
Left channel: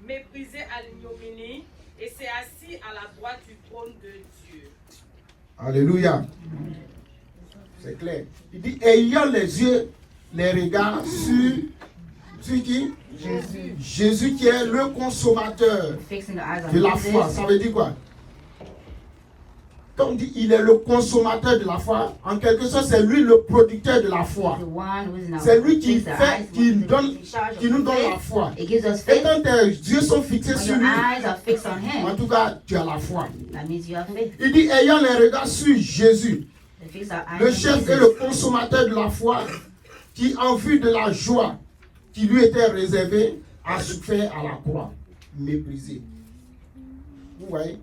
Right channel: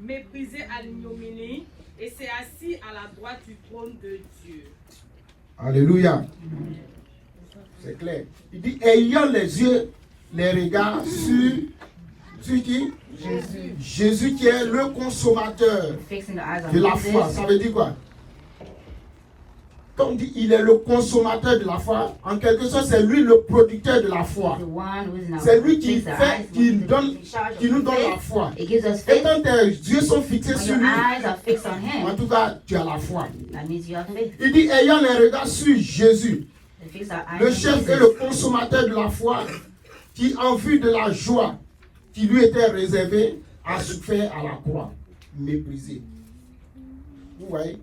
méprisé à l'ignominie, et s'est assis à la droite du trône de Dieu. Alléluia. C'est clair. Il dit ayant les yeux, les regards sur qui? Jésus. Jésus qui est le consommateur Fixing the eyes on de la Jesus. foi. Ça veut dire quoi? Quand on dit il est le consommateur de la foi, en quelque sorte, c'est lui le producteur de la foi. The one who is now C'est lui qui fixed the fait, eyes qui on nous donne, in charge of qui nous the donne la faith. foi. It gives us Et faith. quand tes yeux sont fixés When sur your lui, eyes are fixed on en Him, tout cas, tu as la foi. that means you have faith. Il dit ayant les regards sur Jésus, We fix our eyes le on chef et Jesus, le consommateur de la foi, qui en vue de la joie qui lui était réservée, a souffert à la croix, méprisé. Vous voyez?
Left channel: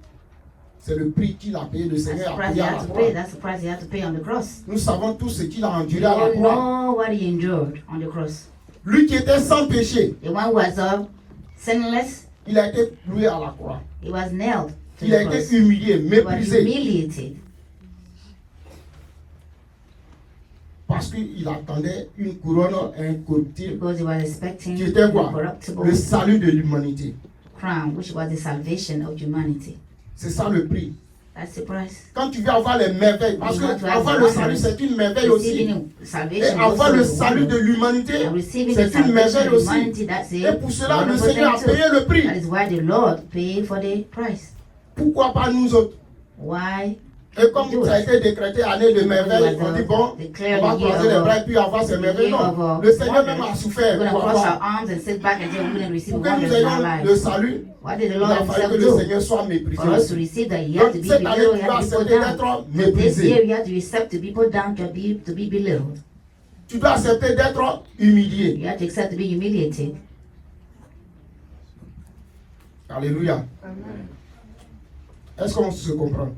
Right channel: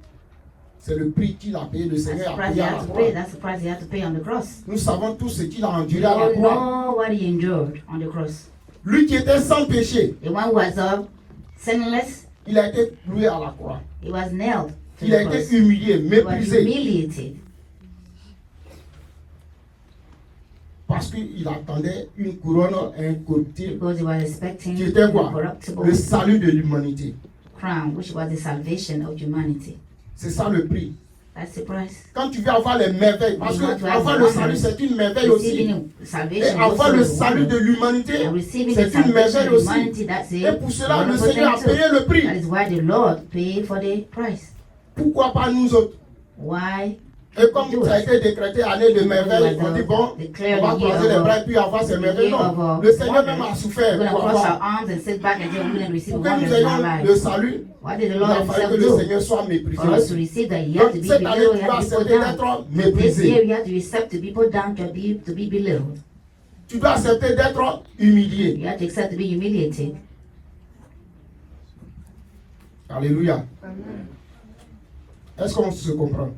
C'est le prix qu'il a payé, le That's the Seigneur a price he payé à had la to croix. pay. That's the price he had to pay on the cross. Nous savons tous ce qu'il a enduré We à la all croix. know what he endured on the cross. Lui qui était sans péché, The one who was sinless, il a été cloué à la croix. he was nailed to Il the a cross. été humilié, He was méprisé, humiliated parce qu'il attendait une couronne incorruptible, because he was expecting qui était quoi? corruptible Le salut de l'humanité. crown, which was the salvation of humanity. C'est ça le prix. That's the price. Quand tu veux avoir les merveilles, parce que avoir le salut, c'est une merveille aussi. Receiving Et salvation avoir le also is salut one. de l'humanité, And receiving the c'est une salvation merveille of aussi. humanity, that's it. Et pour cela, le Wonderful Seigneur a thing too. payé le prix. That is why the Lord paid for the price. Pourquoi pas nous autres? Why Et comme ça a été décrété année de merveille, on dit bon, on va croiser les bras et puis avoir ces merveilles. Non, le Seigneur même a souffert pour que nous ayons le salut. Il a fallu que le Seigneur soit méprisé. Donc cette année, tu dois accepter d'être méprisé. Tu dois accepter d'être humilié. Alléluia. Est-ce qu'on se comprend?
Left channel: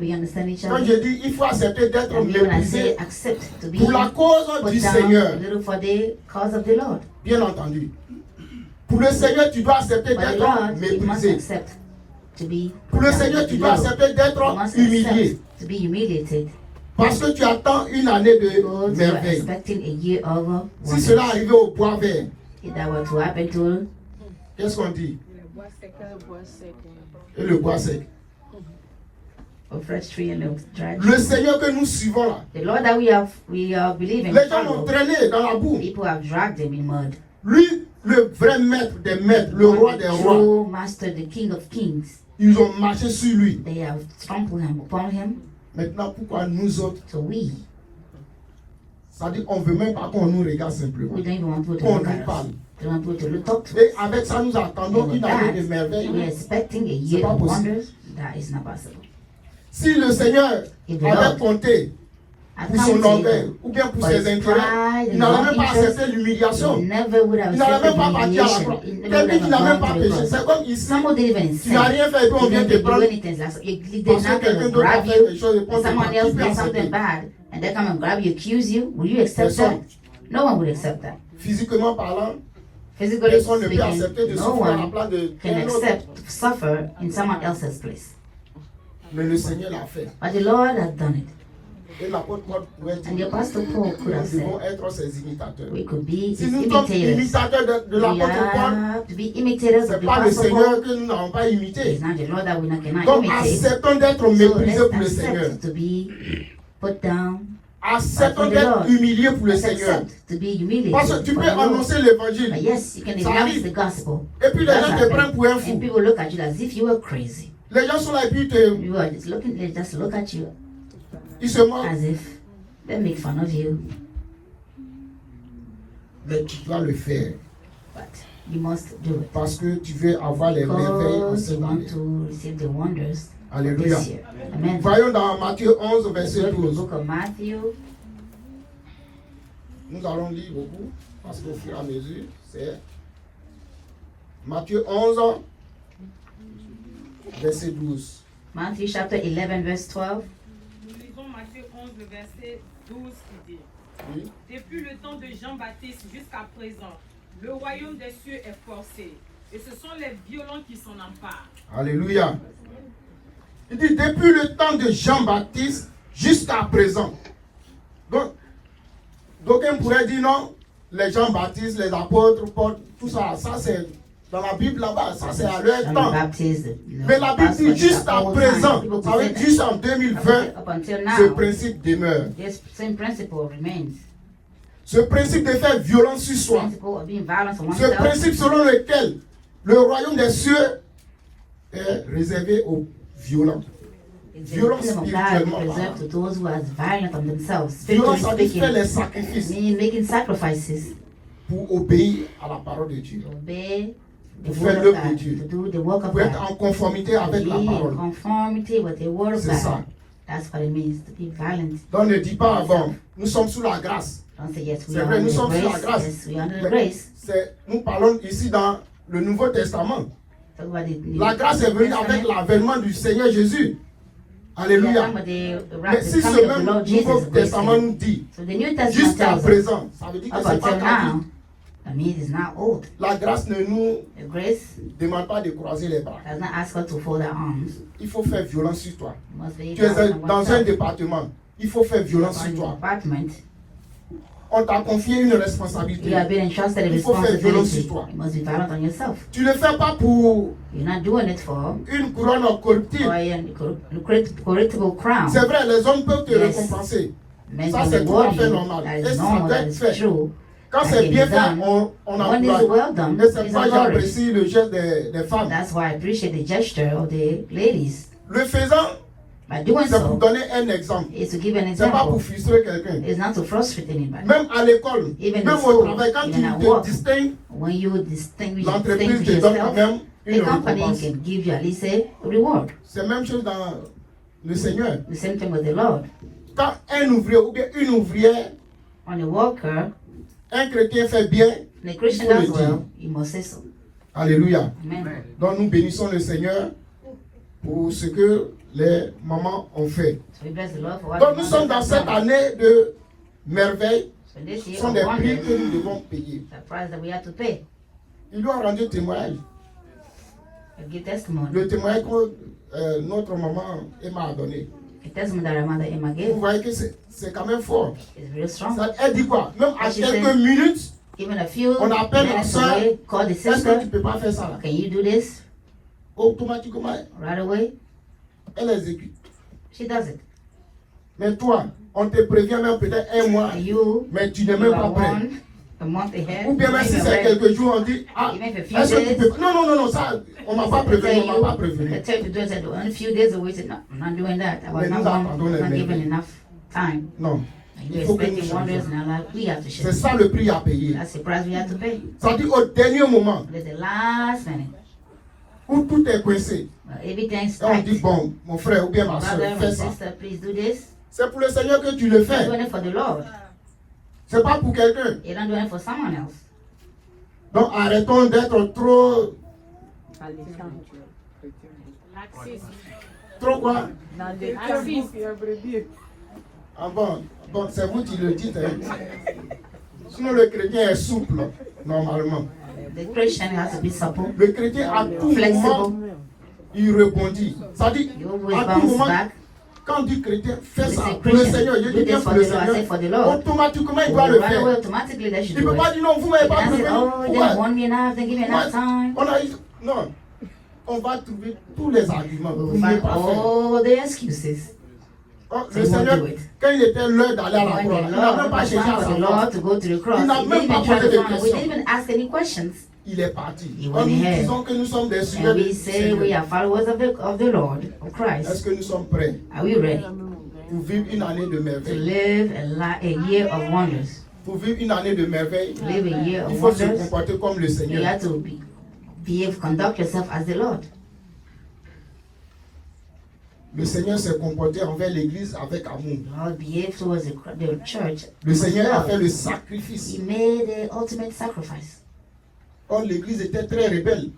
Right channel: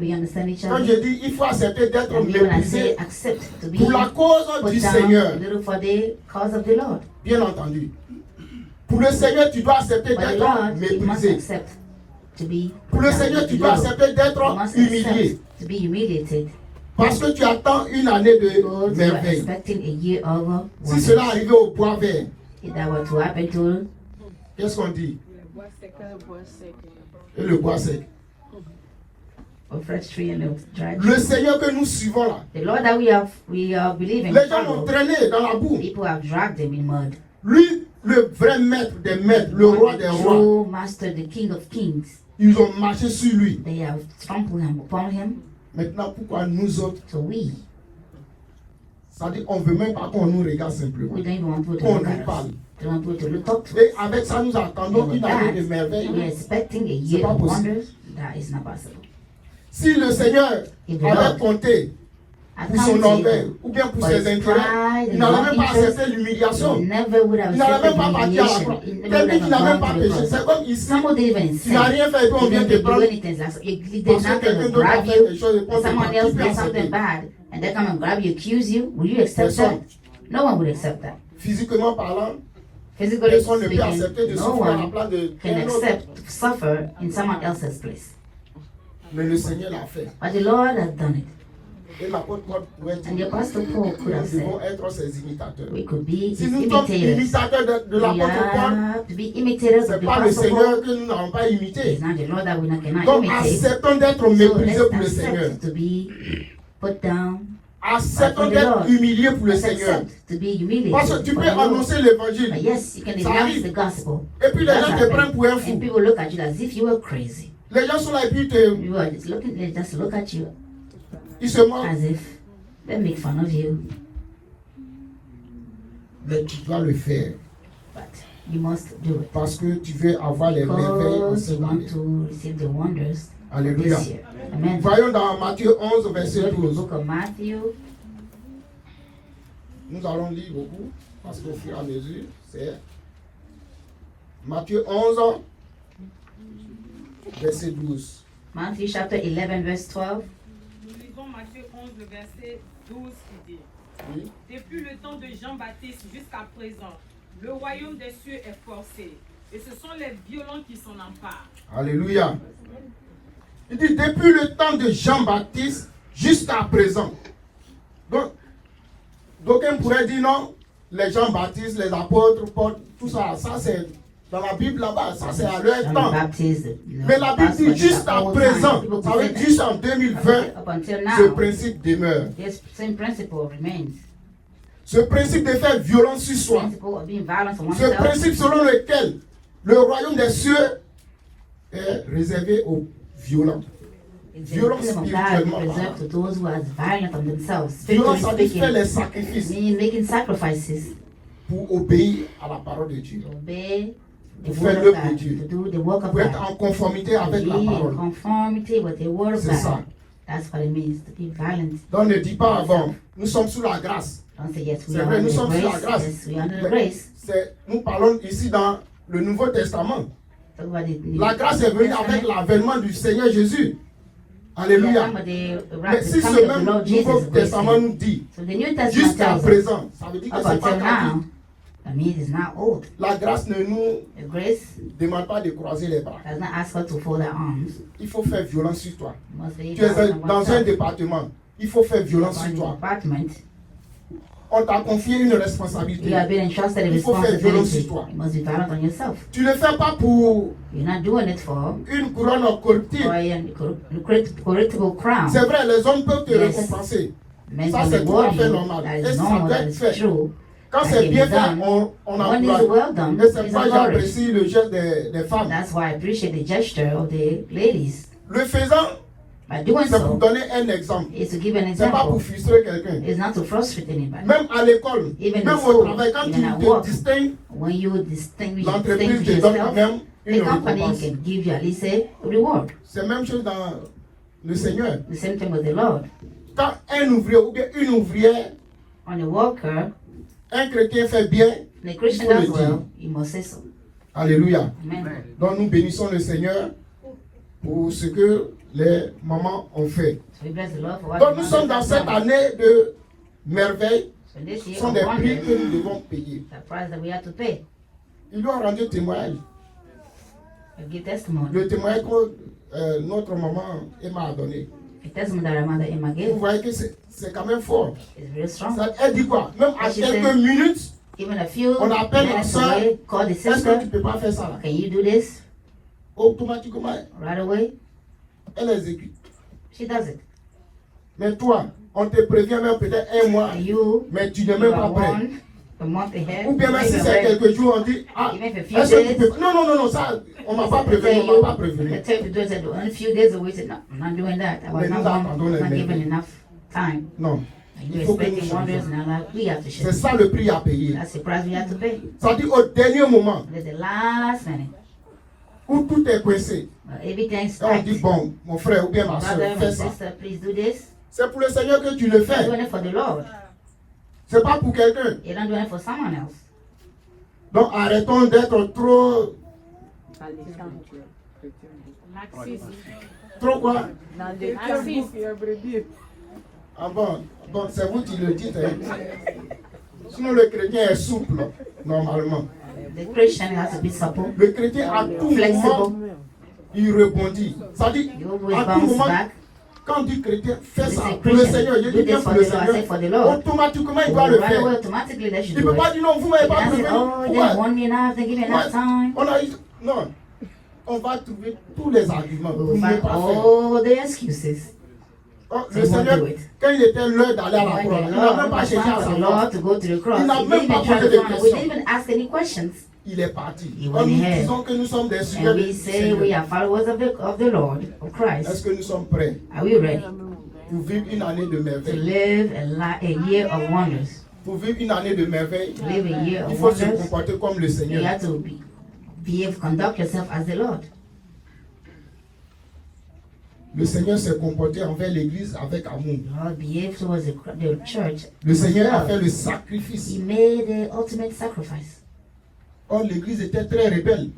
We understand each Quand other. je dis il faut accepter d'être And when I say méprisé accept to be pour la cause put du down Seigneur, a little for the cause of the Lord. bien entendu. Pour le Seigneur, tu dois accepter For the d'être Lord, you must méprisé. accept to be Pour le put down Seigneur, to tu the dois Lord. accepter You d'être must humilié. accept to be humiliated. Parce que tu attends une année de Because you are merveille. expecting a year over Si wonders. cela arrivait au bois vert, If that were to happen to qu'est-ce qu'on dit? Et le bois sec. a fresh tree and a dry tree. Le Seigneur que nous suivons là, The Lord that we believe in, les gens l'ont traîné dans la boue. people have dragged him in mud. Lui, le vrai maître des maîtres, le roi des rois, True master, the King of Kings, ils ont marché sur lui. they have trampled him upon him. Maintenant, pourquoi nous autres? So we Ça dit qu'on ne veut même pas qu'on nous regarde simplement. don't even want to Qu'on look nous at us. parle. They want to look up to us. Et avec ça, nous attendons And with une année de that, merveille. we're expecting a C'est year pas of possible. wonders. That is not possible. Si le Seigneur If the avait Lord compté had pour son counted orgueil ou bien pour for ses his intérêts, pride il and n'aurait his même pas interest, accepté l'humiliation. he never would have Il n'aurait accepted même pas parti à la humiliation. croix. He never would Quelqu'un qui n'a have même gone pas to the péché, cross. c'est comme ici. Someone didn't even Tu n'as sin. rien fait et puis on He vient te didn't do prendre anything. They did parce que nothing quelqu'un to d'autre a grab fait you. quelque chose et puis on te Someone prend. else Qui peut did something accepter? bad, and they come and grab you, accuse you. Will you accept Personne. that? No one would accept that. Physiquement parlant, Physically personne ne peut accepter speaking, de no souffrir à la one place de can quelqu'un d'autre. accept to suffer in someone else's place. Mais le Seigneur l'a fait. But the Lord has done it. Et l'apôtre Paul pouvait And the dire, Apostle Paul could have nous devons said, être ses imitateurs. we could be Si his nous sommes imitators. imitateurs de We l'apôtre Paul, have to be imitators ce of n'est the pas le Apostle Seigneur Paul. que nous n'avons pas imité. It's not the Lord that we cannot Donc imitate. acceptons d'être So méprisés pour le let's Seigneur. accept to be put down. Acceptons d'être humiliés pour le Let's Seigneur. accept to be humiliated. Parce que tu for peux the Lord. annoncer But l'évangile. yes, you can Ça announce arrive. the gospel. Et puis les That's gens te happening. prennent pour un And fou. people look at you as if you were crazy. Les gens sont là et puis You are just looking, they just look at you ils se moquent. as if they make fun of you. Mais tu dois le faire. But you must do it. Parce que tu veux avoir les merveilles en Because cette you want année. to receive the wonders Alléluia. this year. Amen. Voyons dans Matthieu 11, verset Go to the 12. book of Matthew. Nous allons lire beaucoup, parce qu'au fur et à mesure, c'est Matthieu 11, verset 12. Matthew chapter 11, verse 12. Nous lisons Matthieu 11, le verset 12 qui dit: Oui. Depuis le temps de Jean-Baptiste jusqu'à présent, le royaume des cieux est forcé, et ce sont les violents qui s'en emparent. Alléluia. Il dit depuis le temps de Jean-Baptiste jusqu'à présent. Donc, d'aucuns pourraient dire non, les Jean-Baptiste, les apôtres, Paul, tout ça, ça c'est dans la Bible là-bas, ça c'est à leur John temps. the Baptist. Mais la Bible dit jusqu'à présent, ça veut dire jusqu'en 2020, Up until ce now, principe demeure. this same principle remains. Ce principe de faire violence sur soi. Principle of being violent on Ce oneself. principe selon lequel le royaume des cieux est réservé aux violents. It's the Violence kingdom of God spirituellement is reserved to those who are violent on themselves. Violence, ça veut Speaking, dire faire les sacrifices meaning making sacrifices pour obéir à la parole de Dieu. to obey the Pour word faire of l'œuvre de God, Dieu. to do the work of Pour être God, en conformité avec be la in parole. conformity with the word of C'est ça. God. That's what it means to be violent. Donc ne dis pas avant, nous sommes sous la grâce. Don't say yes, we C'est are vrai, under nous sommes sous la grace. grâce. Yes, we are under grace. Nous parlons ici dans le Nouveau Testament. Talk about La grâce est venue avec l'avènement du Seigneur Jésus. Alléluia. Mais si ce même Nouveau Testament nous dit, So the New Testament jusqu'à tells us, présent, ça veut dire que up c'est pas until grave. now, that means it's not old. La grâce ne nous The grace demande pas de croiser les bras. does not ask us to fold our arms. Il faut faire violence sur toi. You must be Tu es violent on dans un oneself. département. Il faut faire violence sur On toi. the department, On t'a confié une you responsabilité. are being entrusted a Il faut faire violence responsibility. sur toi. You must be violent on yourself. Tu ne le fais pas pour You're not doing it for une couronne corruptible. a political crown. C'est vrai, les hommes peuvent te Yes. récompenser. Men Ça, can c'est tout à reward fait you. normal. That Et is ça normal, doit that être is fait. true. Quand That c'est is bien fait, done. on When it's encourage. well done, Mais c'est it's pourquoi encouraged. j'apprécie le geste des femmes. That's why I appreciate the gesture of the ladies. Le faisant, By doing C'est pour so, donner un exemple. is to give an C'est pas pour example. frustrer quelqu'un. It's not to frustrate anybody. Même à l'école, Even même in au school, travail, quand tu even at te work, distingues, when you distinguish l'entreprise te donne quand yourself, même une the company récompense. can give you at least a reward. C'est la même chose dans le Seigneur. The same thing with the Lord. Quand un ouvrier ou bien une ouvrière, On the worker, un chrétien fait bien, the il Christian faut le as dire. well, you must say so. Alléluia. Amen. Donc nous bénissons le Seigneur pour ce que les mamans ont fait. So we bless the Lord for what Donc He nous has sommes dans done. cette année de merveille. So this Ce year sont of des wonders, prix que nous devons payer. the price that we have to pay. Il doit rendre témoignage. To give testimony. Le témoignage que notre maman Emma a donné. The testimony that our mother Emma Vous gave voyez que c'est quand même fort. is very strong. Ça, elle dit quoi? Même à She quelques said- minutes, Even a few on appelle la minutes soeur. away, call the Est-ce que tu sister. ne peux pas faire ça? Can you do this Automatiquement, right away? elle exécute. She does it. Mais toi, on te prévient même peut-être un mois, And you, mais tu n'es même pas prêt. a month ahead, Ou bien même si even c'est ready. quelques jours, on dit, ah, Even if a few est-ce que tu days. peux... Non, ça, on m'a pas prévenu, on m'a pas prévenu. I tell you to do it, I do. Only a few days away, said, no, I'm not doing that. I was Mais not, nous attendons not les given bébés. enough time. Non. You're Il faut que nous expecting wonders, changions. and now we have to C'est share. ça le prix à payer. That's the price we have to pay. Ça dit au dernier moment, There's the last minute. où tout est coincé, But everything's on tight. dit, bon, mon frère ou bien ma soeur, Brother fais and ça. sister, please do this. C'est pour le Seigneur que tu le You're fais. doing it for the Lord. C'est pas pour quelqu'un. You're not doing it for someone else. Donc arrêtons d'être trop... Trop quoi? Ah bon, c'est vous qui le dites. Hein. Sinon le chrétien est souple, normalement. The Christian has to be supple. Le chrétien à tout moment, il rebondit. Ça dit, You always à tout bounce moment, back. quand du chrétien fait It's ça a pour le Christian. Seigneur, je Do dis bien this pour for le the Lord, I say Seigneur, for the Lord. automatiquement il And doit le right away, faire. automatically they should Il ne do peut pas it. dire non, vous m'avez pas And I say, prévenu. oh, they Pourquoi? want me now, they give me enough time. On a eu... Non. On va trouver tous les arguments pour We ne find pas faire. all the excuses. Le Seigneur, quand il était l'heure d'aller à la When croix, the il n'a même Lord pas was cherché à time for the savoir. Lord to go to the cross, Il n'a he même didn't pas even posé try de to we questions. didn't even ask any questions. Il est parti. He Quand went nous ahead. disons que nous sommes des And suiveurs we du say we Seigneur, are followers of the Lord, of est-ce Christ. que nous sommes prêts Are we ready pour vivre une année de to merveille? live a year of wonders? Pour vivre une année de merveille, To live a year il of faut se wonders, comporter comme le you Seigneur. have to conduct yourself as the Lord. Le Seigneur s'est comporté envers l'Église avec amour. Lord behaved towards the church. Le Seigneur a with fait love. le sacrifice. He made the ultimate sacrifice. Or l'Église était très rebelle,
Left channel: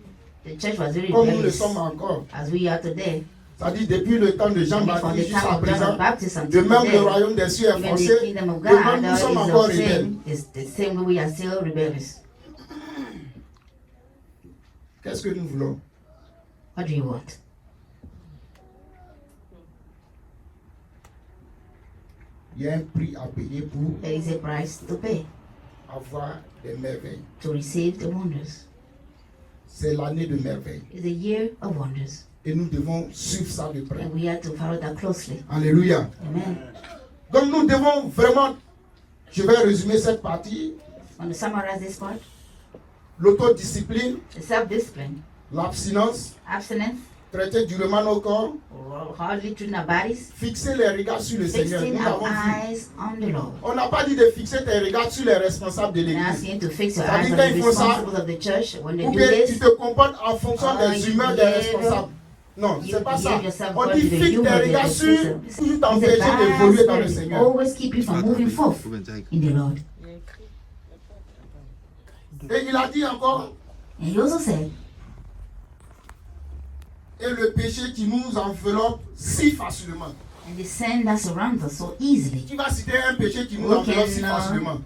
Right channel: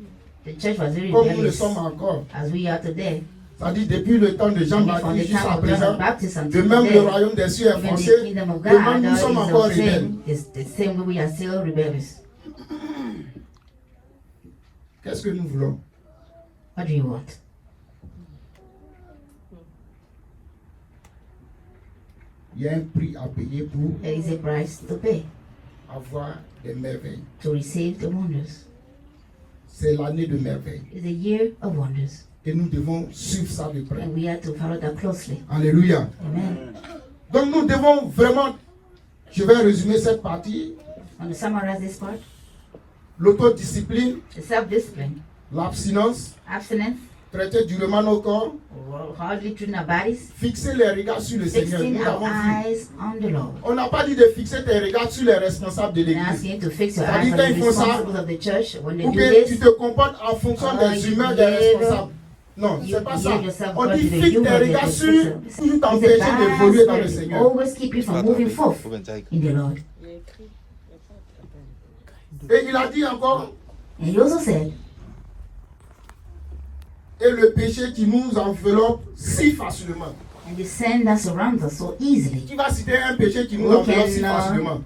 The church was very comme nous le rebellious, sommes encore. as we are today. C'est-à-dire depuis le temps de From the Jean-Baptiste jusqu'à time of John présent, the Baptist de until même le today, royaume des cieux est when the forcé, kingdom of de God même nous sommes encore is rebelles. the same way we are still rebellious. Qu'est-ce que nous voulons? What do you want? Il y a un prix à payer pour There is a price to pay avoir des merveilles. to receive the wonders. C'est l'année de merveille. It's a year of wonders, Et nous devons suivre ça de près. and we have to follow that closely. Alléluia. Amen. Donc nous devons vraiment, je vais résumer cette partie, I want to summarize this part. l'autodiscipline, The self-discipline, l'abstinence, abstinence, traiter durement nos corps, or hardly treating our bodies, fixer les regards sur le Seigneur. fixing Nous our avons vu. eyes on the Lord. On n'a pas dit de fixer tes regards sur les responsables de And l'église. asking you to fix your Ça eyes dit on quand the il faut ça, responsibles of the church when you ou do bien tu this. te comportes en fonction des humeurs des responsables. Non, c'est pas ça. On dit fixe tes regards sur toujours t'empêcher d'évoluer dans le Seigneur. Always keep you from moving forth in the Lord. Et il a dit encore, And he also said, et le péché qui nous enveloppe si facilement. and the sin that surrounds us so easily. Qui va citer un péché qui nous We enveloppe si can, facilement?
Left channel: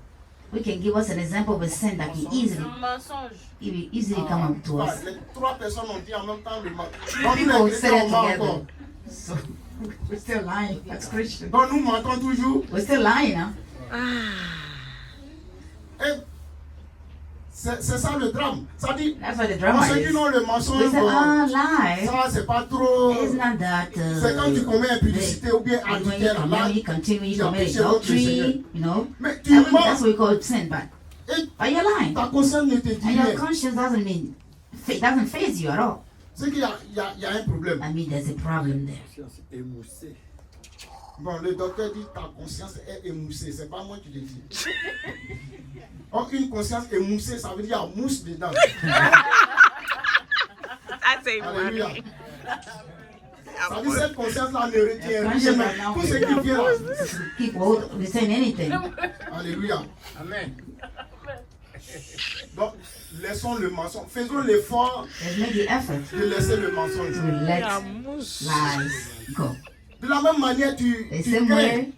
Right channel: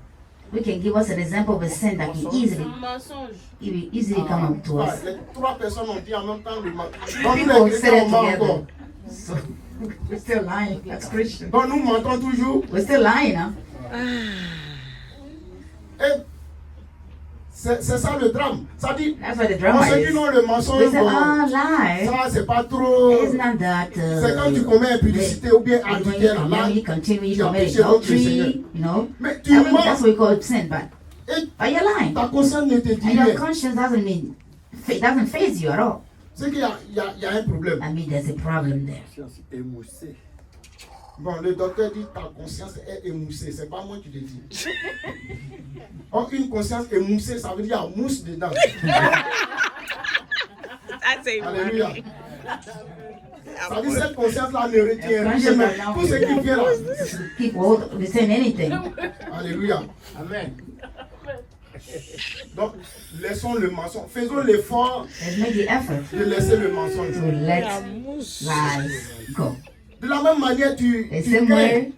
We can give us an example of a sin that can it will easily come up to us. Les trois personnes ont dit en même temps le mal. People les said chrétiens it ment together. encore. So we're still lying. That's Christian. Donc nous mentons toujours. We're still lying, huh? Et c'est ça le drame. Ça dit, That's what the on drama se dit is. non, le mensonge, We say, bon, lie. ça c'est pas trop. It's not that. C'est quand tu commets impudicité ou bien when you adultère, là, continue, continue, tu as you commit péché contre le Seigneur. adultery, you know. Mais I tu mean, mens that's what we call sin, but et are you lying? ta conscience ne te dit And your rien. conscience doesn't phase you at all. C'est qu'il y a un problème. I mean, there's a problem there. Bon, le docteur dit ta conscience est émoussée. C'est pas moi qui le dis. Or, une conscience émoussée, ça veut dire qu'il y a mousse dedans. Alléluia. Ça veut dire que cette conscience-là ne retient rien. Tout ce qui vient là. Keep hold of saying anything. Alléluia. Amen. Donc, laissons le mensonge. Faisons l'effort Let's make the effort de laisser le mensonge. to let lies go. De la même manière, tu The same crains way,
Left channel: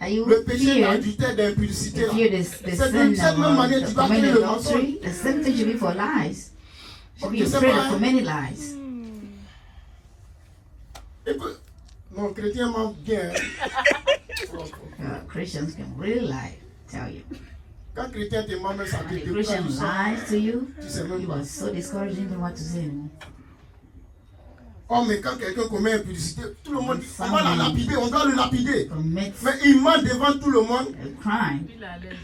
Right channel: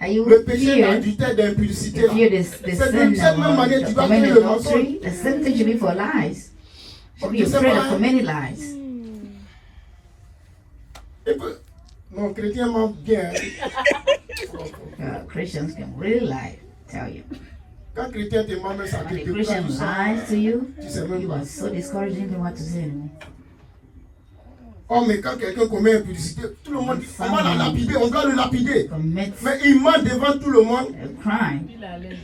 are you le péché fear d'adultère, d'impudicité. là. fear the C'est sin de cette même manière que of tu vas committing créer le mensonge. adultery? The same thing should be for lies. Should be Tu sais afraid pas, of committing lies. Et puis, mon chrétien ment bien. Christians can really lie, tell you. Quand chrétien te ment, mais ça te When a décourage Christian tout ça. lies to you, Tu sais même you pas. are so discouraged, you don't know what to say anymore. Oh, mais quand quelqu'un commet impudicité, tout le monde dit on va la lapider, on doit le lapider. Commit Mais il ment devant tout le monde a crime,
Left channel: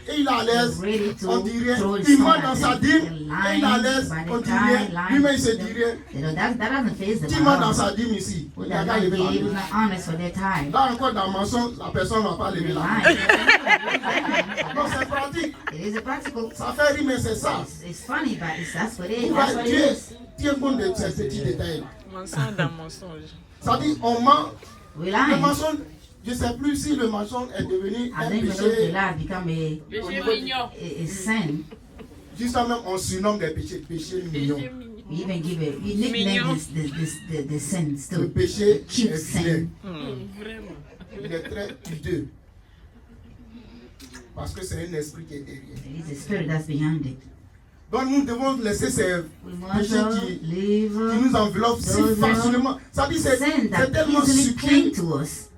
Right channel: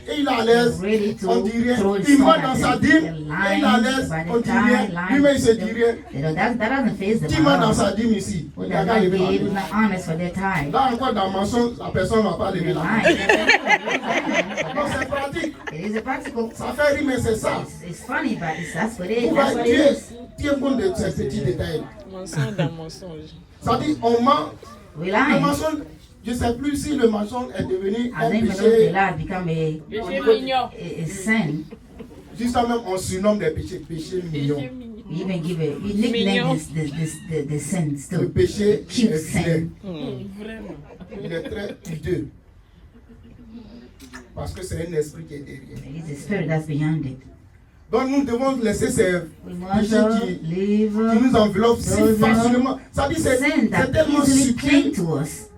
et il est à l'aise. ready to On dit rien. throw Il stone ment at dans them. sa dîme They're et il est à lying l'aise. by On the dit time, rien. Lui-même, il se dit lying. rien. That doesn't face them. Qui ment dans sa dîme ici? Who Il does a qu'à not lever la believe, who's main. not honest for their time. Là encore, dans le mensonge, la personne ne va pas lever la main. Lying. Non, c'est pratique. It is a practical. Ça fait rire, mais c'est ça. It's funny, but that's what it is. Vous That's voyez, what it is. tiens compte de ces petits détails. Mensonge dans mensonge. Ça dit, on ment. We Le lie. mensonge, je ne sais plus si le mensonge est devenu I un think the péché. lie become a sin. Juste même, on surnomme des péchés, péchés mignons. We even give it, we nickname the sins Le too. péché Cute est sin. vilain. Il est très hideux. Parce que c'est un esprit qui est derrière. It is the spirit that's behind it. Donc nous devons laisser ces We must péchés qui leave nous enveloppent si those facilement. Ça dit, c'est sin that tellement easily cling subtil. to us.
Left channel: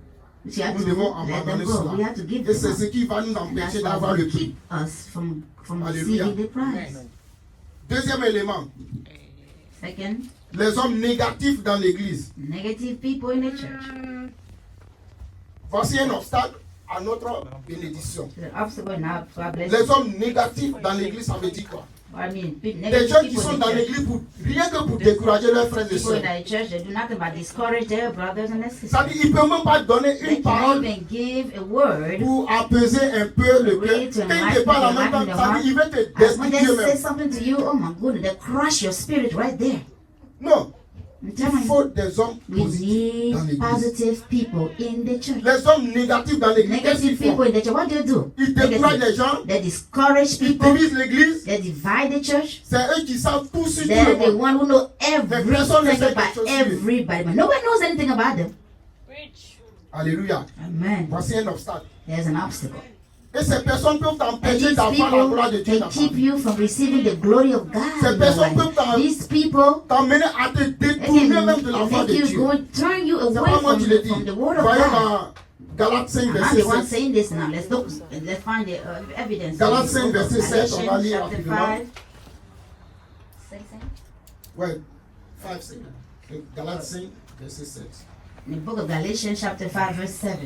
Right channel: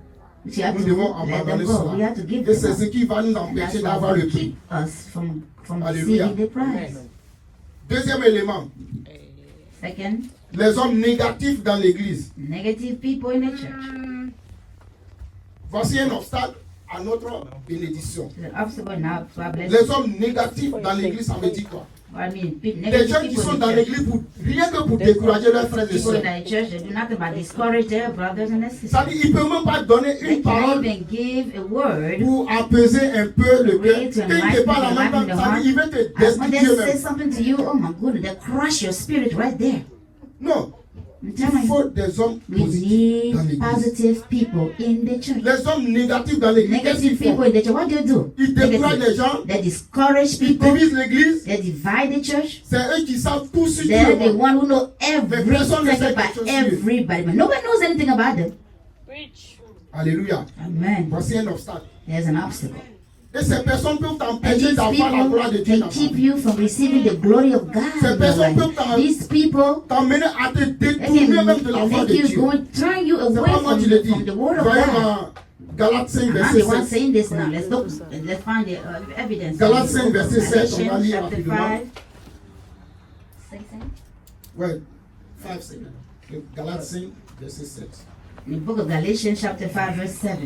We have Nous devons to let them abandonner go. cela. We have to give Et c'est them ce up. qui va nous That's empêcher what d'avoir will le prix. keep us from Alléluia. receiving the prize. Deuxième élément, Second, les hommes négatifs dans l'église. negative people in the church. Voici un obstacle à notre bénédiction. The obstacle now to our blessing. Les hommes négatifs dans l'église, ça veut dire quoi? I mean, Les negative gens qui people sont in dans the church. l'église pour rien que pour décourager leurs frères et People sœurs. in the church, they do nothing but discourage their brothers and their Ça sisters. dit, ils ne peuvent même pas donner They une can parole even give a word. pour apaiser un peu le cœur. Really to Quand il te parle en même temps, ça dit, il veut te As when they destruire say même. something to you, oh my goodness, they crush your spirit right there. Non, I'm il telling faut you, des hommes we positifs dans need l'église. positive people in the church. Les hommes négatifs dans l'église, qu'est-ce qu'ils Negative people font? in the church, what do? Ils découragent les gens, They discourage ils people. divisent l'église. They divide the church. C'est eux qui savent tout sur tout They're le the monde. one who know personne ne everything sait about quelque chose sur eux. everybody, but nobody knows anything about them. Alléluia. Amen. Voici un obstacle. There's an obstacle. Et ces personnes peuvent And t'empêcher these d'avoir la gloire de people, Dieu they dans ta keep vie. you from receiving the glory of God. Ces in your personnes life. peuvent These people, t'emmener à te they détourner même de la voix make de you Dieu. go, turn you C'est away pas moi from, qui le dis. from the word of Voyons God. dans Galates 5, I'm verset the one 7. saying this now. Let's find the evidence. Galates 5, verset 7, on va lire Galatians chapter rapidement. 5. 16. Ouais, 5, 7. Galates 5, verset 7. In the book of Galatians chapter 5 verse 7.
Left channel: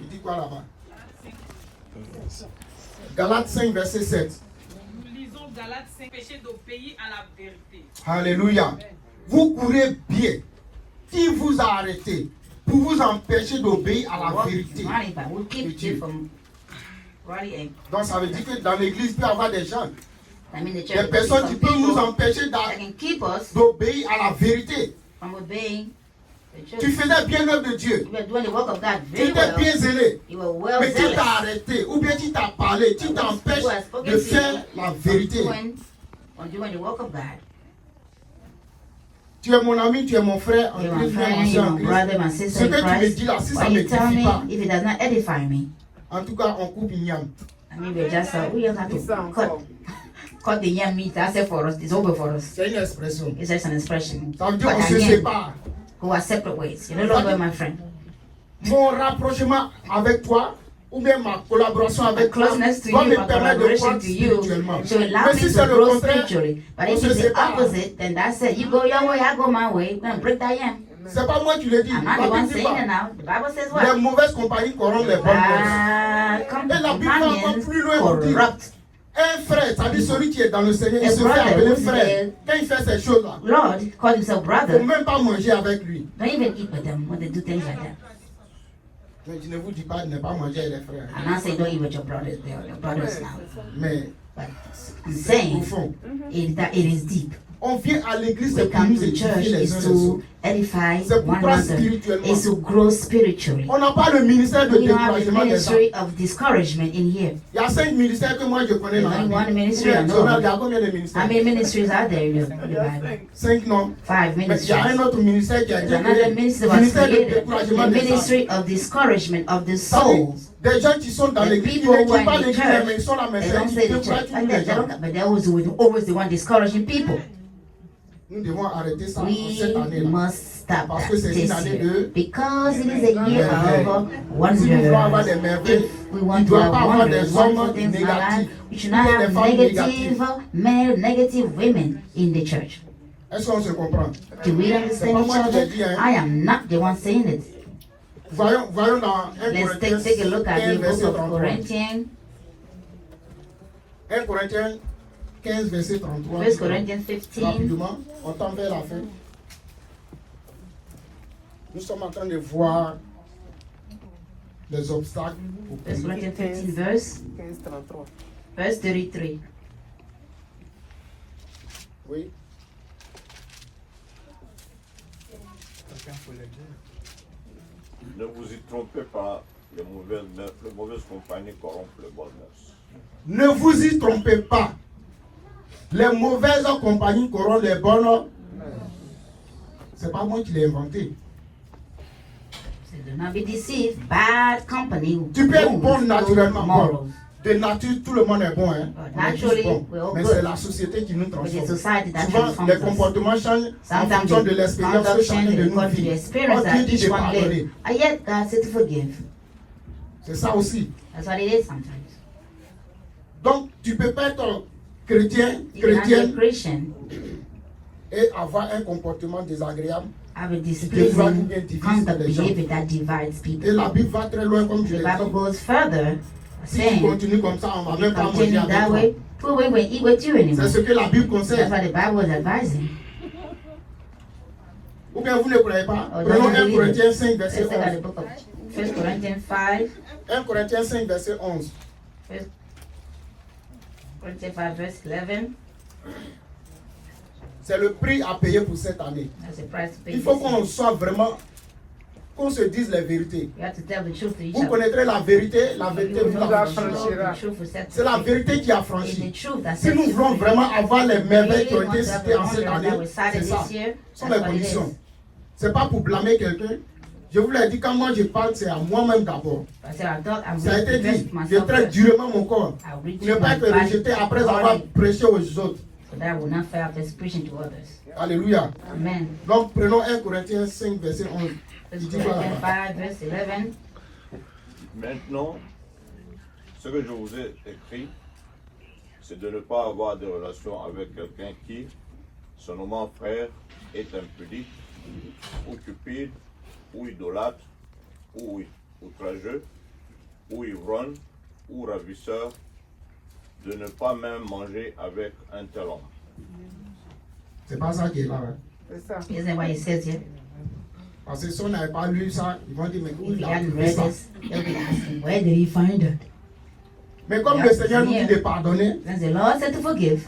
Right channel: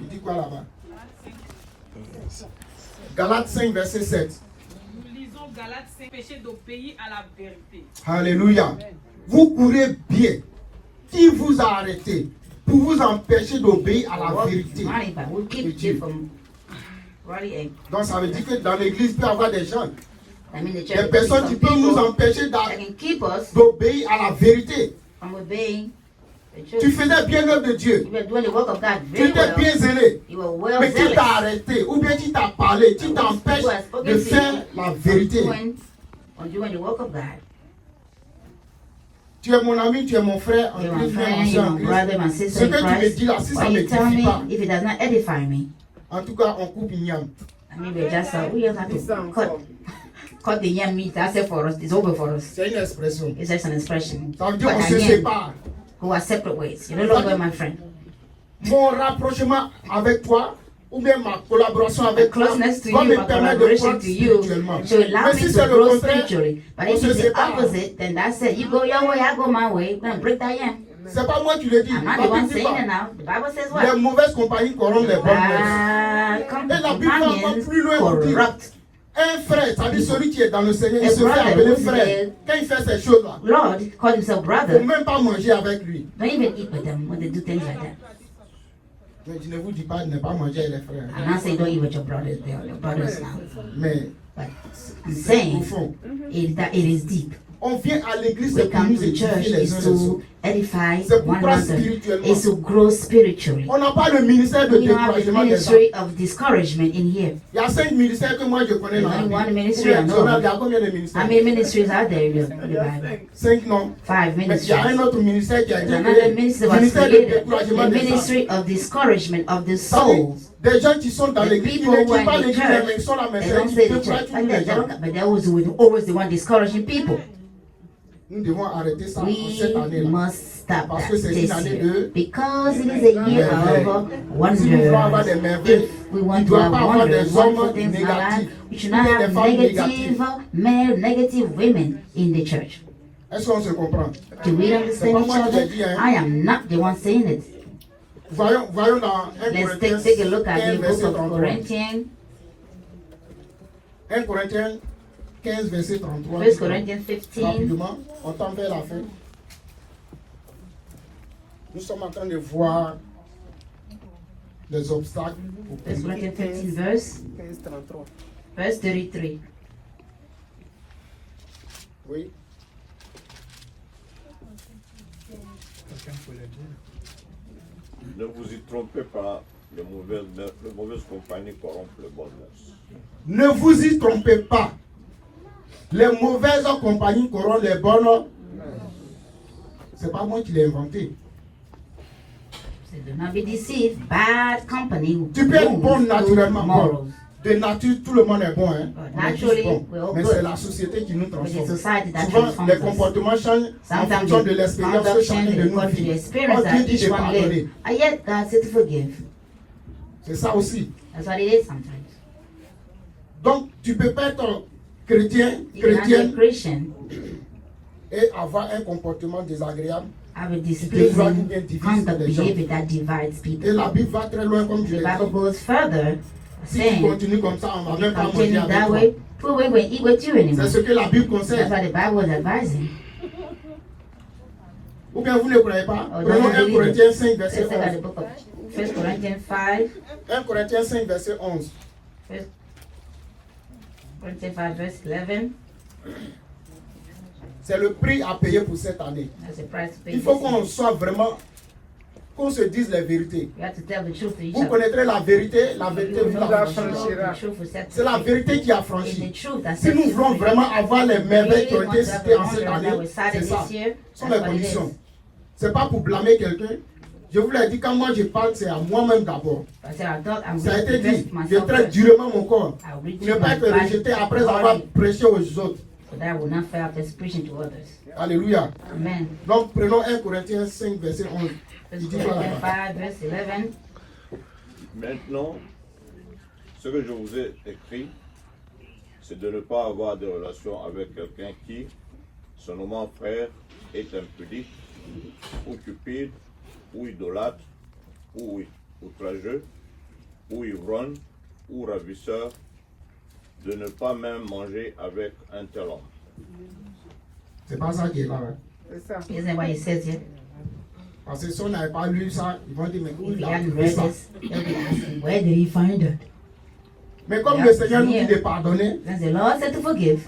Il dit quoi là-bas? Galates 5, verset 7. Nous lisons Galates 5, péché d'obéir à la vérité. Alléluia. Vous courez bien. Qui vous a arrêté pour vous empêcher d'obéir à la vérité? Running back. We keep you from running. Donc ça veut dire que dans l'église, il peut y avoir des gens, I mean, the church. des personnes qui peuvent nous People empêcher that can keep us d'obéir à la vérité. from obeying the church. Tu faisais bien l'œuvre de Dieu. You were doing the work of God Tu very étais bien well. zélé. You were well Mais qui t'a zealous. arrêté ou bien qui t'a parlé, qui t'empêche de faire la vérité? On doing the work of God. Tu es mon ami, tu es mon frère en You are Christ, my frère friend, ancien en your brother, my Christ. sister Ce in que tu me Christ. dis là, si ça What ne you tell t'édifie me, pas, if it does not edify me, en tout cas, on coupe igname. I mean, we just have to cut the yam meat. That's it for us. It's over for us. C'est une expression. It's just an expression. Ça veut dire Cut qu'on the se yam, sépare. who are separate ways. You know what, my friend? Mon rapprochement avec toi, ou bien ma collaboration avec toi, Closeness to va you, me my permettre de collaboration croître to you, spirituellement. to allow Mais me si to c'est le grow contraire, spiritually. But on if se it's the sépare. opposite, then that's it. You go your way, I go my way. Then break that yam. C'est pas moi qui le dis. I'm La not the one Bible dit saying it pas. now. The Bible says what? Les mauvaises compagnies corrompent les bonnes choses. Bad Et la Bible va encore companions plus loin. corrupt Un frère, ça dit celui qui est dans le Seigneur, il A se fait brother appeler who's in frère. the Quand il fait ces choses-là, Lord, call himself il ne brother. faut même pas manger avec lui. Don't even eat with them when they do things like that. Mais je ne vous dis pas de ne pas manger avec les frères. I'm not saying don't eat with your brothers. They're your brothers now. Mais But c'est saying profond. is that it is deep. On vient à l'église, We c'est pour come nous to church édifier les is uns les autres. to edify C'est one pour croître another. spirituellement. Is to grow spiritually. On n'a pas le ministère de We don't have the découragement des hommes. ministry of discouragement in here. Il y a 5 ministères que moi je connais dans la Only Bible. one ministry I know. Il y a combien de ministères? How many ministries are there in the Bible? 5 non. 5 Mais il y ministries. a un autre ministère qui a été There's another créé. ministry that was Ministère de created. découragement The des hommes. ministry of discouragement of the souls. Des gens qui sont dans The l'église, ils people ne who are disent pas in the l'église, mais ils church, sont là, mais they c'est don't qui say the church découragent like les that, gens. but they're always the one discouraging people. Nous devons arrêter ça We en cette année-là. must stop Parce that que c'est this une année year. de Because it is a year of Si nous voulons avoir wonders. des merveilles, If we il want ne to doit have pas avoir wonders, des wonderful hommes things in our life, négatifs, we should ou not des have femmes négatives. negative men, negative women in the church. Est-ce qu'on se comprend? Do we understand C'est pas each moi qui l'ai other? dit, hein. I am not the one saying it. Voyons dans 1 Let's Corinthiens take a look at 15, the book verset of 33. Corinthians, 1 Corinthiens 15, verset 33. 1 Corinthians 15. Rapidement, on tend vers la fin. Nous sommes en train de voir les obstacles. 1 Corinthians 15, verse 33. Oui. Ne vous y trompez pas, les mauvaises compagnies corrompent le bon mœurs. Ne vous y trompez pas. Les mauvaises compagnies corrompent les bonnes. C'est pas moi qui l'ai inventé. So do not be deceived. Bad company Tu peux être bon ruins naturellement. good Bon. morals. De nature, tout le monde est bon. Hein? On est tous Naturally, bons. we're all Mais good. c'est la société qui nous It's the transforme. society that Souvent, transforms les us. comportements changent en Sometimes fonction de the l'expérience que conduct chacun changes de nous according to the vit. experience On that te dit each de one pardonner. lives. And yet God said to forgive. C'est ça aussi. That's what it is sometimes. Donc, tu peux pas être chrétien, You can be a Christian, et avoir un comportement désagréable. have a Des displeasing fois, nous bien divisent conduct les gens. behavior that divides Et people. la Bible va très loin, comme je The l'ai Bible dit. goes further, Si tu saying, continues comme ça, on va même pas manger continue avec that toi. way, we won't eat with you anymore. C'est ce que la Bible That's conseille. what the Bible is advising. Ou bien vous ne croyez pas. Oh, Prenons doesn't 1 believe Corinthiens it. 5, verset Let's look at 11. the book of 1 Corinthians 5. 1 Corinthiens 5, verset 11. 1 Corinthians 5, verse 11. C'est le prix à payer pour cette année. That's the price to pay. Il faut qu'on soit vraiment, qu'on se dise les vérités. We have to tell the truth to each Vous other. connaîtrez la vérité vous The affranchira. truth will set C'est la vérité qui It's affranchit. the truth that Si sets nous you voulons free. vraiment avoir les merveilles qui ont été citées en cette année, c'est ça. Ce sont les That's what it conditions. is. C'est pas pour blâmer quelqu'un. Je vous l'ai dit, quand moi je parle, c'est à moi-même d'abord. I said, I thought I'm Ça a going to été dit, dress je myself traite first. durement mon corps. I'll reach Ne pas my être rejeté après avoir prêché aux autres. so that I will not fail this preaching to others. Alléluia. Amen. Donc prenons 1 Corinthiens 5, verset 11. 1 Il dit Corinthians voilà. 5, verse 11. Maintenant, ce que je vous ai écrit, c'est de ne pas avoir de relation avec quelqu'un qui, se nommant frère, est impudique, ou cupide, ou idolâtre, ou outrageux, ou ivrogne, ou ravisseur, de ne pas même manger avec un tel homme. C'est pas ça qui est là. Hein. Isn't what he says here? Parce que si on n'avait pas lu ça, ils vont dire, mais où If il you a hadn't trouvé read ça? this, they'd be asking, where did he find it? Mais comme le Seigneur nous dit de pardonner, Then the Lord said to forgive.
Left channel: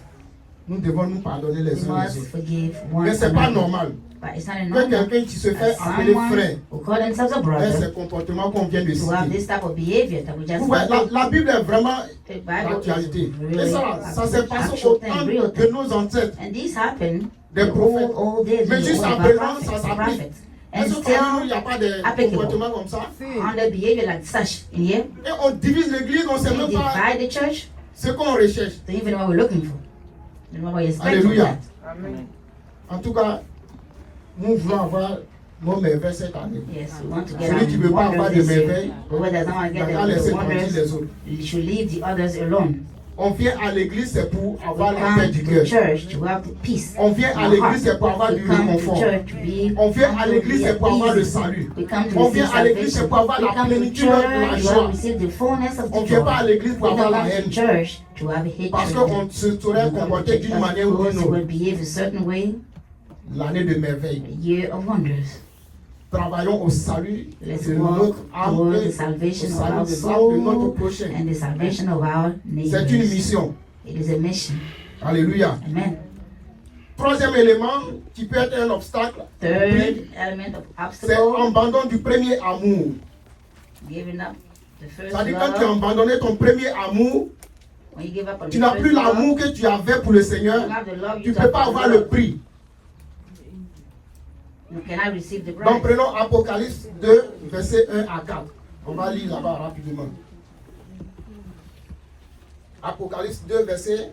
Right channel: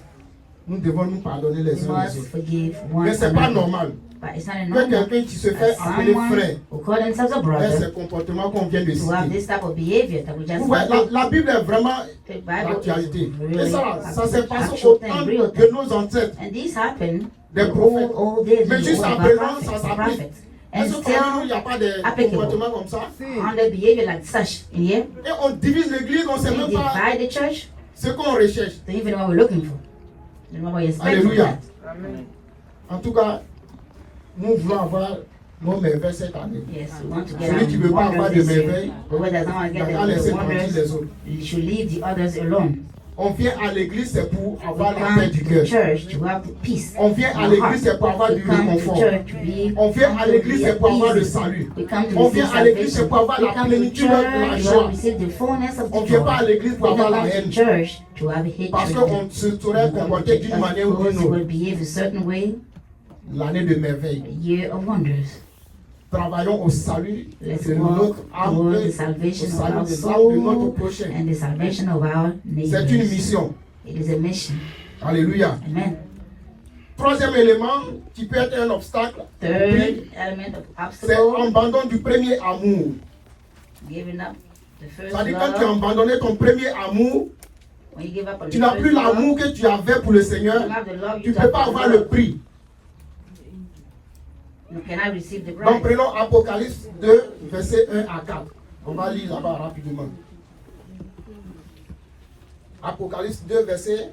nous devons nous pardonner les We uns les must autres. forgive one Mais c'est pas another. normal But it's not a que normal quelqu'un qui se fait that appeler someone frère who call themselves a ait brother ces comportements qu'on vient de to have citer. this type of behavior that we just Vous voyez, mentioned. la Bible est vraiment The Bible l'actualité. is Et ça s'est passé actual au thing, temps real de thing. nos ancêtres, And this happened des the prophètes. old days Mais when juste the à old présent, ça prophets, s'applique. prophets. And Est-ce qu'il still n'y a pas de applicable. comportements comme ça? on the behavior like such in here, Et on divise l'église, on ne sait we même pas divide the church ce qu'on recherche. to even know what we're looking for. You know what you're expecting from Alléluia. that. En tout cas, nous voulons avoir nos merveilles cette année. Yes, we want to get Celui qui ne veut pas avoir de wonders this year. merveilles, Whoever doesn't want to il get va the laisser tranquille wonders, les autres. you should leave the others alone. On vient à l'église, c'est pour avoir la Come paix to du the cœur. church to have peace. On vient à l'église, c'est pour avoir du We come to the réconfort. church to live. On vient à l'église, c'est pour avoir le salut. We come to On receive vient à l'église, c'est salvation. pour avoir We la come to the plénitude de la church joie. to receive the fullness of On the ne vient joy. pas à l'église pour We avoir la come to the haine. church to have Parce hatred. qu'on se serait comporté d'une manière ou d'une Because we autre. will behave a certain way. L'année de merveille. A year of wonders. Travaillons au salut Let's de walk notre âme toward et the au salvation of salut our des âmes de notre soul prochain. and the salvation of our C'est une neighbors. mission. It is a mission. Alléluia. Amen. Troisième élément qui peut être un obstacle, Third element of c'est obstacle, l'abandon du premier amour. giving up the first C'est-à-dire quand tu as love. abandonné ton premier amour, When you give up on tu the n'as first plus love, l'amour que tu avais pour le Seigneur. you have the love Tu you ne peux have pas for avoir the le Lord. prix. You cannot receive the Donc prize. prenons Apocalypse 2, versets 1 à 4. On va lire là-bas rapidement. Apocalypse 2, verset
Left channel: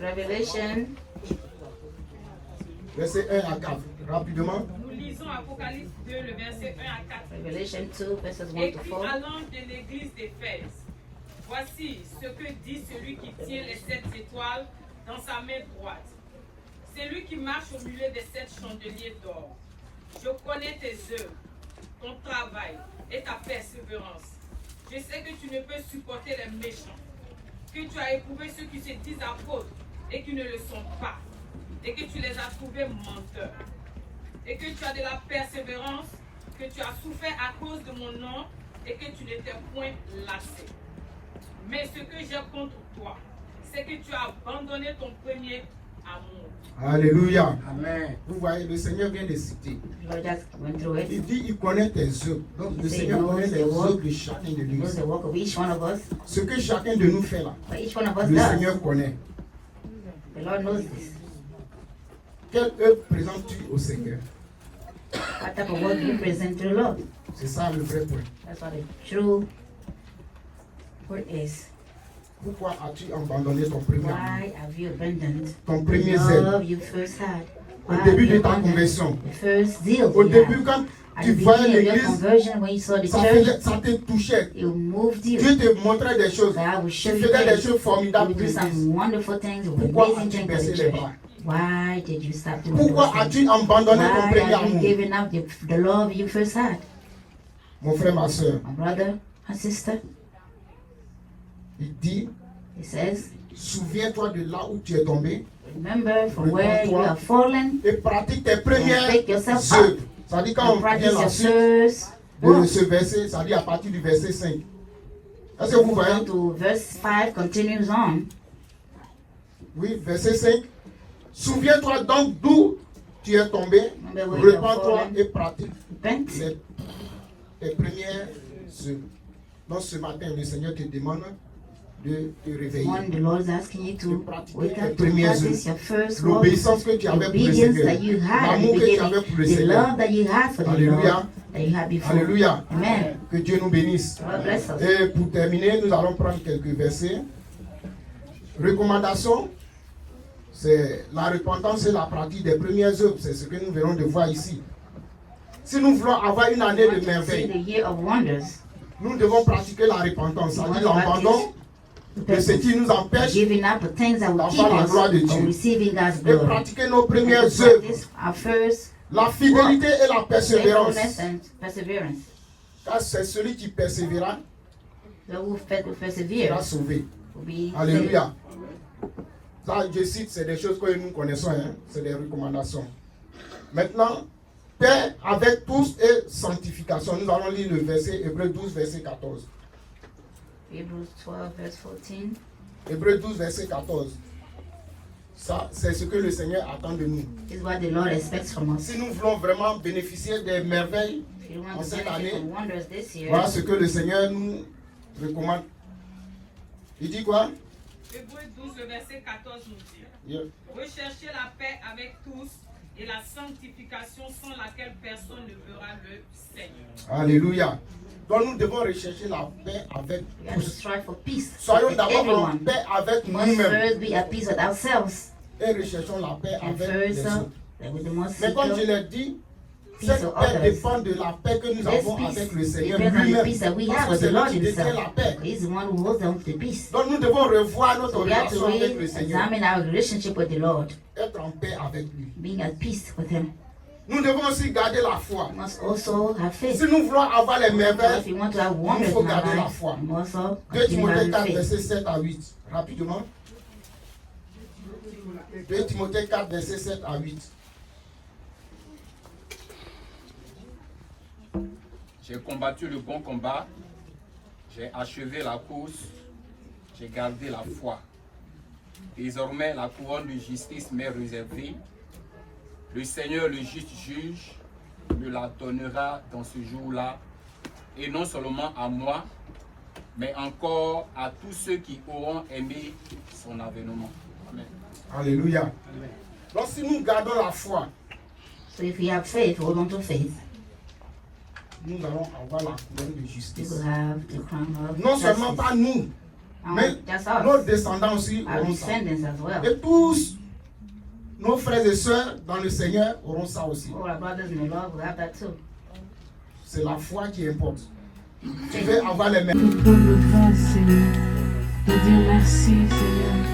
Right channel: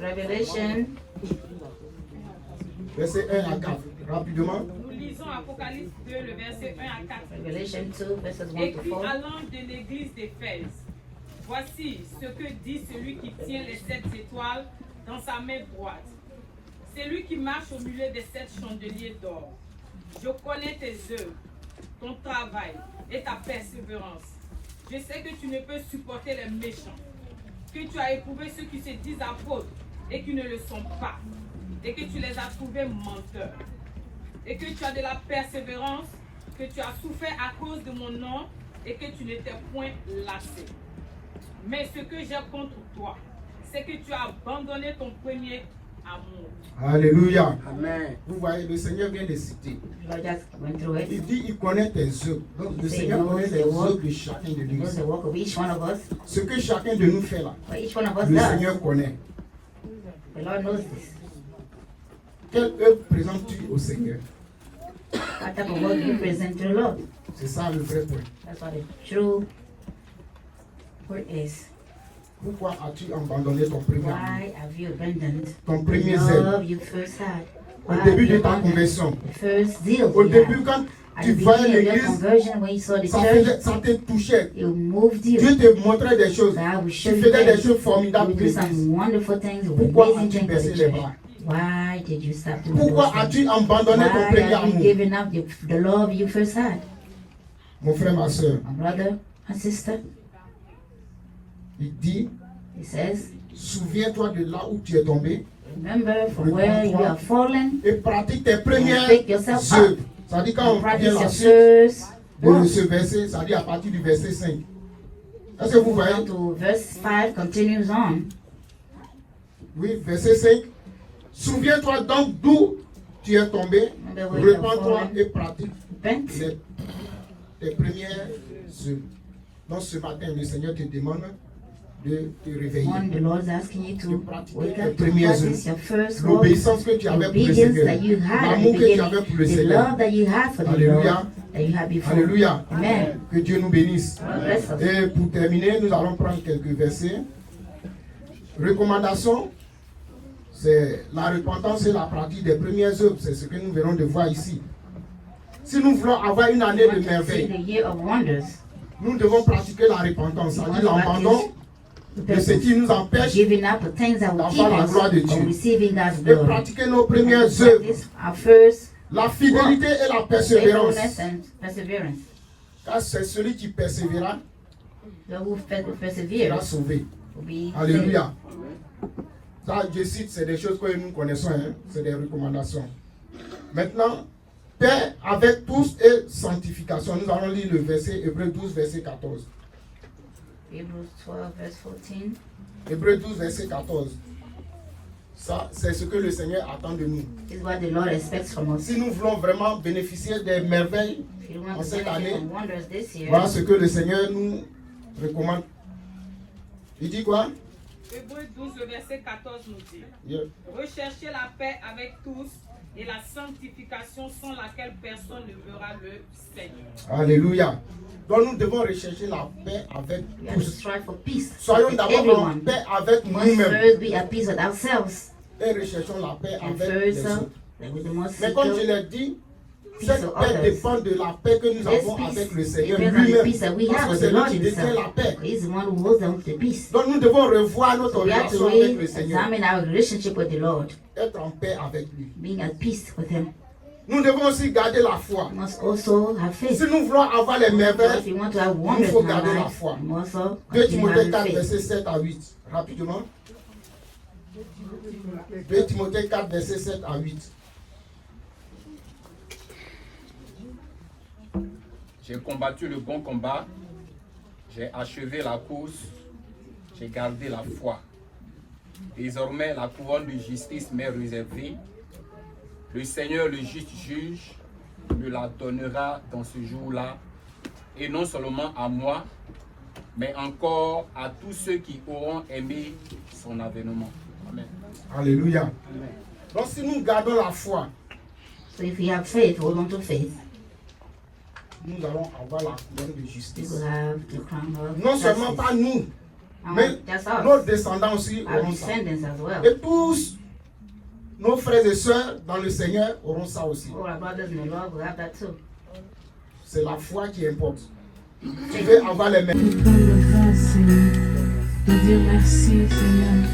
Revelation, verset 1 à 4. Rapidement. Nous lisons Apocalypse 2, le verset 1 à 4. Revelation 2, verses 1 to Écrit 4. à l'ange de l'église d'Éphèse. Voici ce que dit celui qui tient les 7 étoiles dans sa main droite. C'est lui qui marche au milieu des 7 chandeliers d'or. Je connais tes œuvres, ton travail et ta persévérance. Je sais que tu ne peux supporter les méchants, que tu as éprouvé ceux qui se disent apôtres et qui ne le sont pas, et que tu les as trouvés menteurs, et que tu as de la persévérance, que tu as souffert à cause de mon nom et que tu n'étais point lassé. Mais ce que j'ai contre toi, c'est que tu as abandonné ton premier amour. Alléluia. Amen. Vous voyez, le Seigneur vient de citer. We just went through it. Il dit il connaît tes œuvres. Donc le Say Seigneur knows connaît the les work. œuvres de chacun de He nous. knows the work of each one of us. Ce que chacun de nous fait là, What each one of us le does. Seigneur connaît. The Lord knows this. Quelle œuvre présentes-tu au Seigneur? What type of work do you present to the Lord? C'est ça le vrai point. That's what the true word is. Pourquoi as-tu abandonné ton premier amour? Why have you abandoned Ton the premier zèle? love you first had? Au Why début have de you ta abandoned conversion. the first zeal Au you début, had? quand At tu the voyais beginning of your l'église, conversion, when you saw the ça church, te touchait. it moved you. Dieu te montrait des choses. God will Tu show you faisais des things. choses formidables You pour do l'église. some wonderful things, Pourquoi amazing as-tu things for baissé the les church. bras? Why did you stop doing Pourquoi those things? as-tu abandonné ton Why premier have you amour? given up the love you first had? Mon frère, ma soeur, My brother, my sister, il dit, he says, souviens-toi de là où tu es tombé remember from where you have fallen, et pratique tes premières pick yourself up. œuvres. Ça dit quand and on practice vient your la suite first de work. ce verset, ça dit à partir du verset 5. Est-ce que vous voyez? Down to verse 5 continues on. Oui, verset 5. Souviens-toi donc d'où tu es tombé, Remember where you have repens-toi fallen. et pratique Repent. tes premières œuvres. Donc ce matin, le Seigneur te demande de te réveiller. One, the Lord is asking you to wake up to Premières practice œuvres. your first work. L'obéissance que tu avais pour le Obedience Seigneur. that you had at the L'amour que tu beginning. avais pour le The Seigneur. love that you had for the Alléluia. Lord that you had before. Alléluia. Amen. Que Dieu nous bénisse. God bless us. Et pour terminer, nous allons prendre quelques versets. Recommandation, c'est la repentance et la pratique des premières œuvres. C'est ce que nous venons de voir ici. Si nous voulons avoir une année de See merveille, the year of wonders. nous devons pratiquer la repentance, c'est-à-dire l'abandon de ce qui nous empêche Giving up the things that will keep d'avoir la us gloire de from Dieu. receiving God's Et glory. pratiquer nos premières And to œuvres, practice our first la fidélité et la persévérance. faithfulness and perseverance. Car c'est celui qui persévérera Those who sera persevere sauvé. will be saved. Alléluia. Ça, je cite, c'est des choses que nous connaissons, hein? C'est des recommandations. Maintenant, paix avec tous et sanctification. Nous allons lire le verset Hébreux 12, verset 14. Hebrews 12, verse 14. Hébreux 12, verset 14. Ça, c'est ce que le Seigneur attend de nous. Is what the Lord expects from us. Si nous voulons vraiment bénéficier des merveilles If you want en to cette benefit année, from wonders this year, voilà ce que le Seigneur nous recommande. Il dit quoi? Hébreux 12, le verset 14 nous dit: Yeah. Recherchez la paix avec tous et la sanctification sans laquelle personne ne verra le Seigneur. Alléluia. Donc nous devons rechercher la paix avec we have to tous. strive for peace. Soyons with d'abord en everyone. paix avec Must nous-mêmes first be at peace with ourselves. et recherchons la paix And avec les first, autres. that we must Mais seek comme je out. l'ai dit, Cette paix dépend de la paix que nous avons avec le Seigneur lui-même. Parce que c'est lui qui détient la paix. Donc nous devons revoir notre relation avec le Seigneur. Être en paix avec lui. Nous devons aussi garder la foi. Si nous voulons avoir les merveilles, il nous faut garder la foi. 2 Timothée 4, verset 7 à 8. Rapidement. 2 Timothée 4, verset 7 à 8. J'ai combattu le bon combat, j'ai achevé la course, j'ai gardé la foi. Désormais, la couronne de justice m'est réservée. Le Seigneur, le juste juge, me la donnera dans ce jour-là, et non seulement à moi, mais encore à tous ceux qui auront aimé son avènement. Amen. Alléluia. Donc si nous gardons la foi, so if we have faith, hold on to faith, nous allons avoir la couronne de justice. we will have the crown of Non justice. seulement pas nous, mais nos descendants aussi Our auront ça. descendants as well. Et tous nos frères et sœurs dans le Seigneur auront ça aussi. All our brothers in the Lord will have that too. C'est la foi qui importe. Tu veux avoir les mêmes. Te prendre de grâce, Seigneur. De dire merci, Seigneur.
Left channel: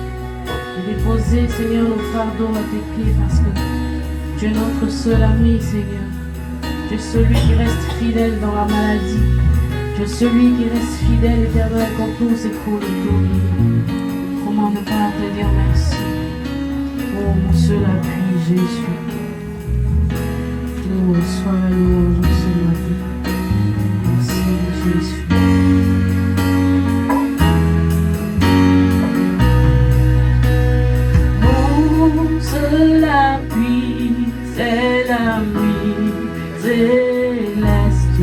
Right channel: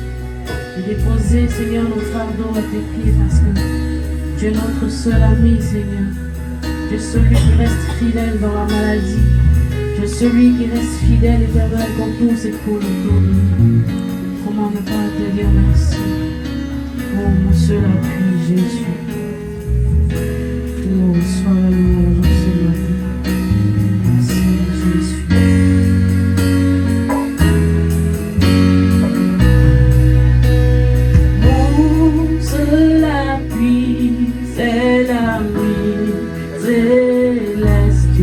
De déposer, Seigneur, nos fardeaux à tes pieds parce que tu es notre seul ami, Seigneur. Tu es celui qui reste fidèle dans la maladie. Tu es celui qui reste fidèle éternel quand tout s'écroule autour de nous. Comment ne pas te dire merci? Oh, mon seul appui, Jésus. Oh, sois la louange ce matin. Merci, Jésus. Mon seul appui, c'est l'ami céleste.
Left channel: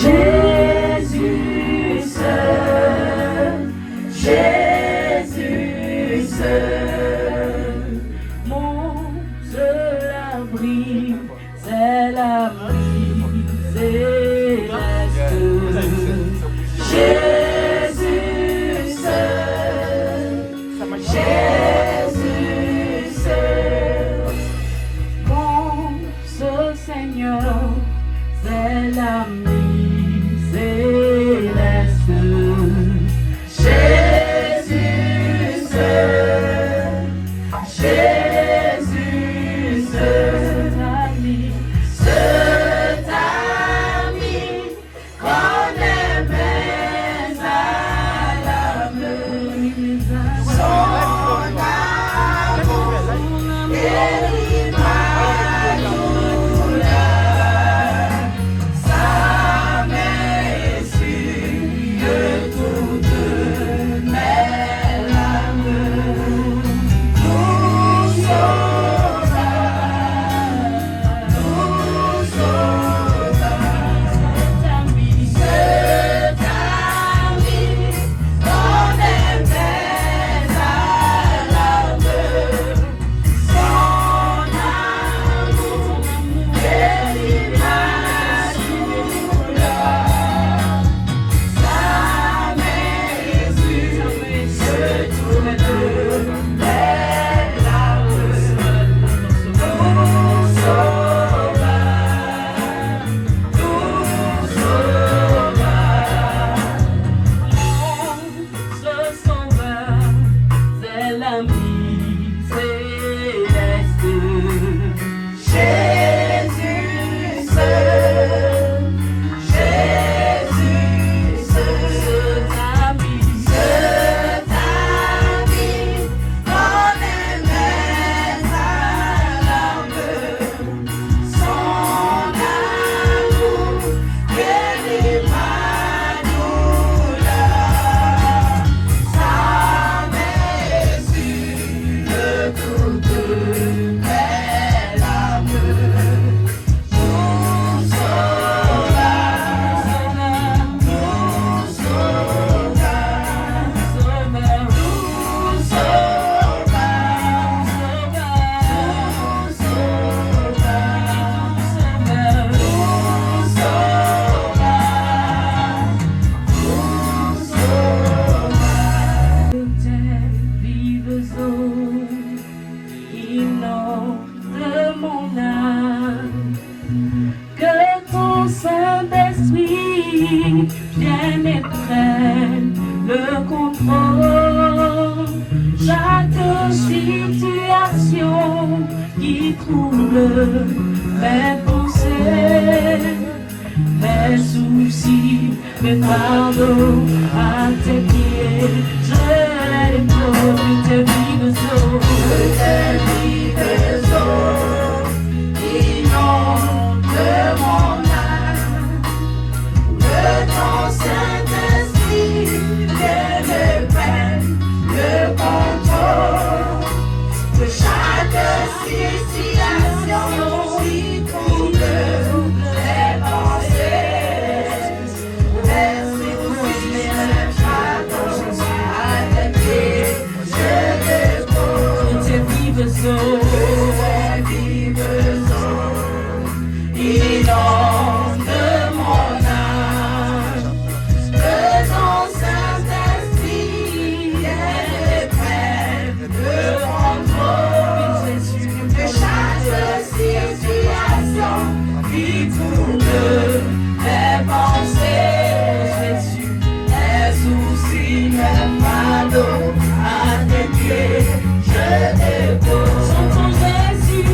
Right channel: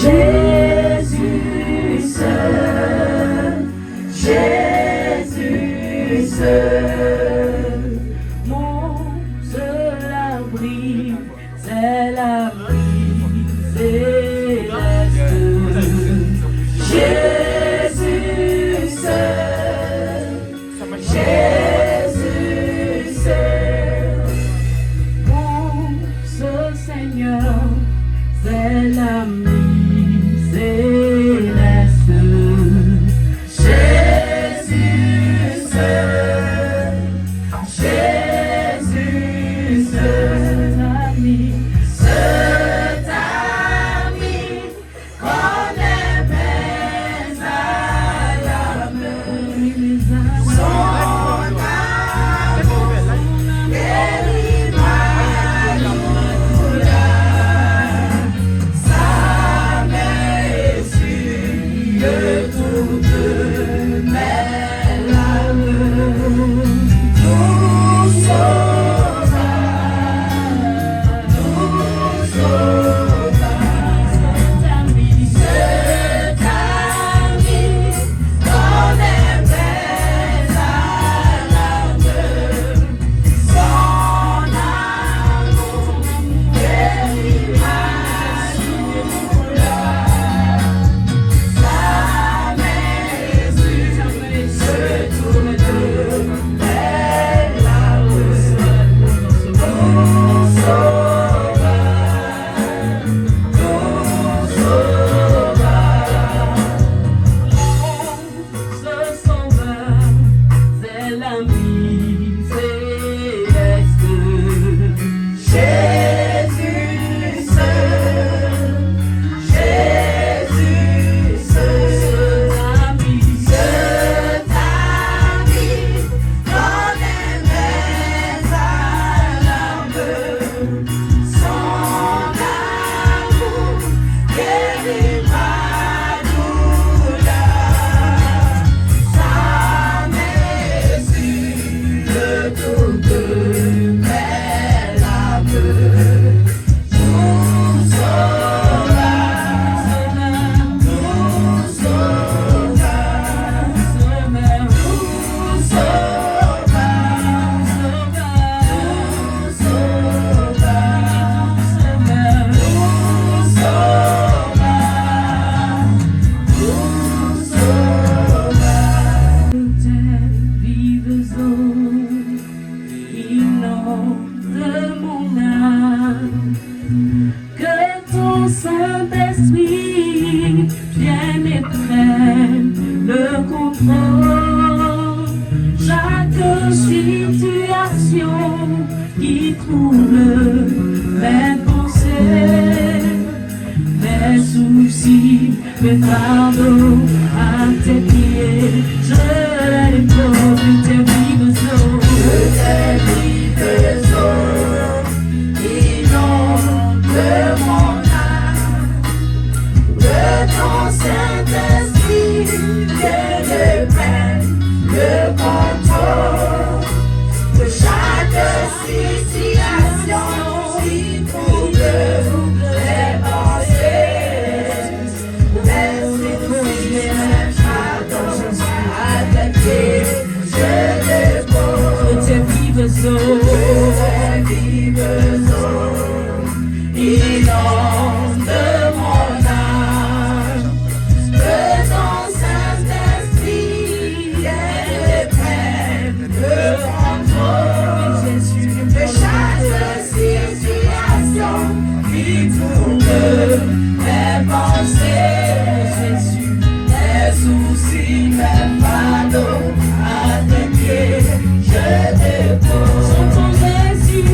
Jésus seul, Jésus seul, mon seul abri, c'est l'abri céleste. Jésus seul, Jésus seul, mon seul Seigneur, c'est l'ami céleste. Jésus seul, Jésus seul, cet ami qu'on aimait vaillamment. Son amour guérit ma douleur. Sa main essuie toutes mes larmes. Tout sauva, cet ami qu'on aimait vaillamment. Son amour guérit ma douleur. Sa main essuie toutes mes larmes. Tout sauva, ce sauveur, c'est l'ami céleste. Jésus seul, Jésus seul, cet ami qu'on aimait vaillamment. Son amour guérit ma douleur. Sa main essuie toutes mes larmes. Tout sauva, tout sauva, tout sauva, vives eaux, inonde mon âme. qui trouble mes pensées, mes soucis, mes fardeaux à tes pieds. Je les dépose, tes vives eaux, inonde mon âme, que ton Saint-Esprit vienne me prenne le contrôle de chaque situation qui trouble mes pensées. Merci pour mes fardeaux à tes pieds. Je dépose tes vives eaux, inonde mon âme, que ton Saint-Esprit vienne prenne le contrôle de chaque situation qui trouble mes pensées. Jésus, mes soucis, mes fardeaux à tes pieds, je dépose. Chantons Jésus,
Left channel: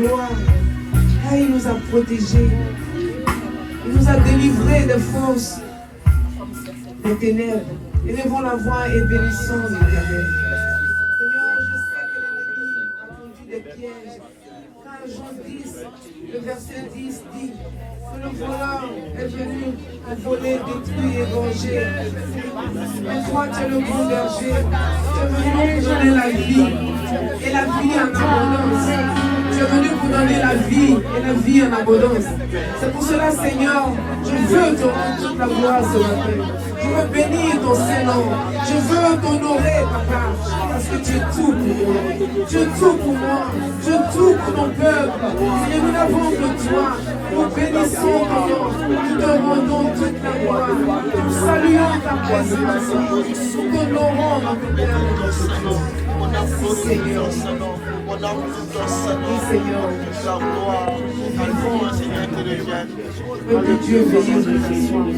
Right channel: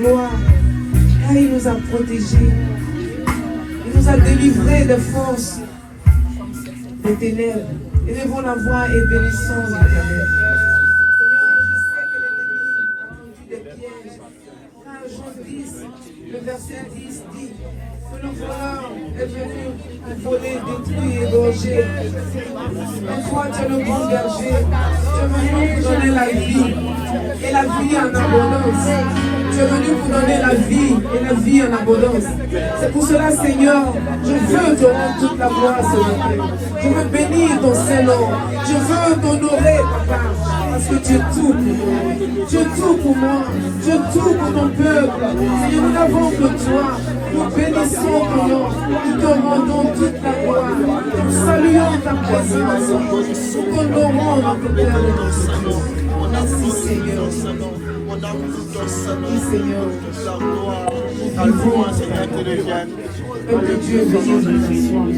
gloire. Et il nous a protégés. Il nous a délivrés des forces, des ténèbres. Élevons la voix et bénissons l'Éternel. Seigneur, je sais que l'ennemi a tendu des pièges. Car Jean 10, le verset 10 dit que le voleur est venu pour voler, détruire et venger. Mais toi, tu es le bon berger. Tu es venu pour donner la vie et la vie en abondance. Tu es venu pour donner la vie et la vie en abondance. C'est pour cela, Seigneur, je veux te rendre toute la gloire ce matin. Je veux bénir ton Saint-Nom. Je veux t'honorer, Papa, parce que tu es tout pour moi. Tu es tout pour moi. Tu es tout pour ton peuple. Seigneur, nous n'avons que toi. Nous bénissons ton nom. Nous te rendons toute la gloire. Nous saluons ta présence. Nous t'honorons dans ton cœur et dans ton nom. Merci, Seigneur. Merci, Seigneur. Que Dieu bénisse nos nations.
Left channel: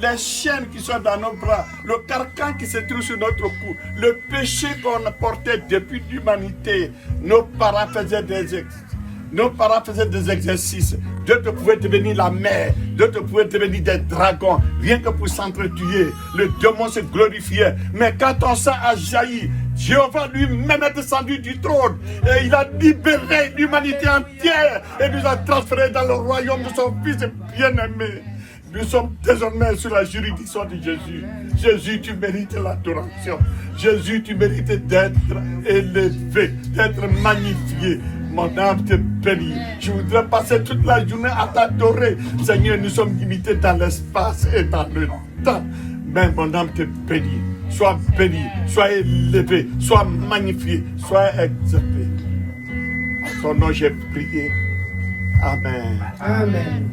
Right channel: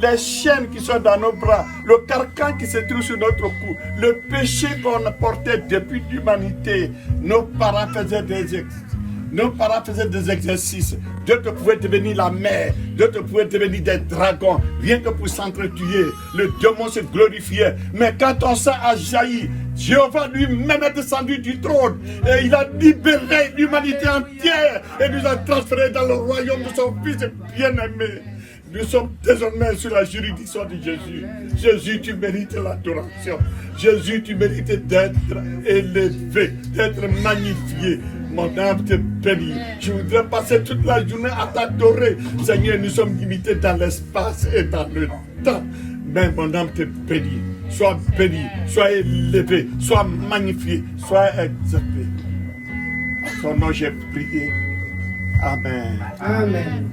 Les chaînes qui sont dans nos bras, le carcan qui se trouve sur notre cou, le péché qu'on portait depuis l'humanité. Nos parents faisaient des exercices. Dieu te pouvait devenir la mer, Dieu te pouvait devenir des dragons, rien que pour s'entretuer. Le démon se glorifiait. Mais quand ton sang a jailli, Jéhovah lui-même est descendu du trône et il a libéré l'humanité entière et nous a transférés dans le royaume de son Fils bien-aimé. Nous sommes désormais sous la juridiction de Jésus. Jésus, tu mérites l'adoration. Jésus, tu mérites d'être élevé, d'être magnifié. Mon âme te bénit. Je voudrais passer toute la journée à t'adorer. Seigneur, nous sommes limités dans l'espace et dans le temps. Mais mon âme te bénit. Sois béni, sois élevé, sois magnifié, sois exalté. En ton nom j'ai prié. Amen. Amen.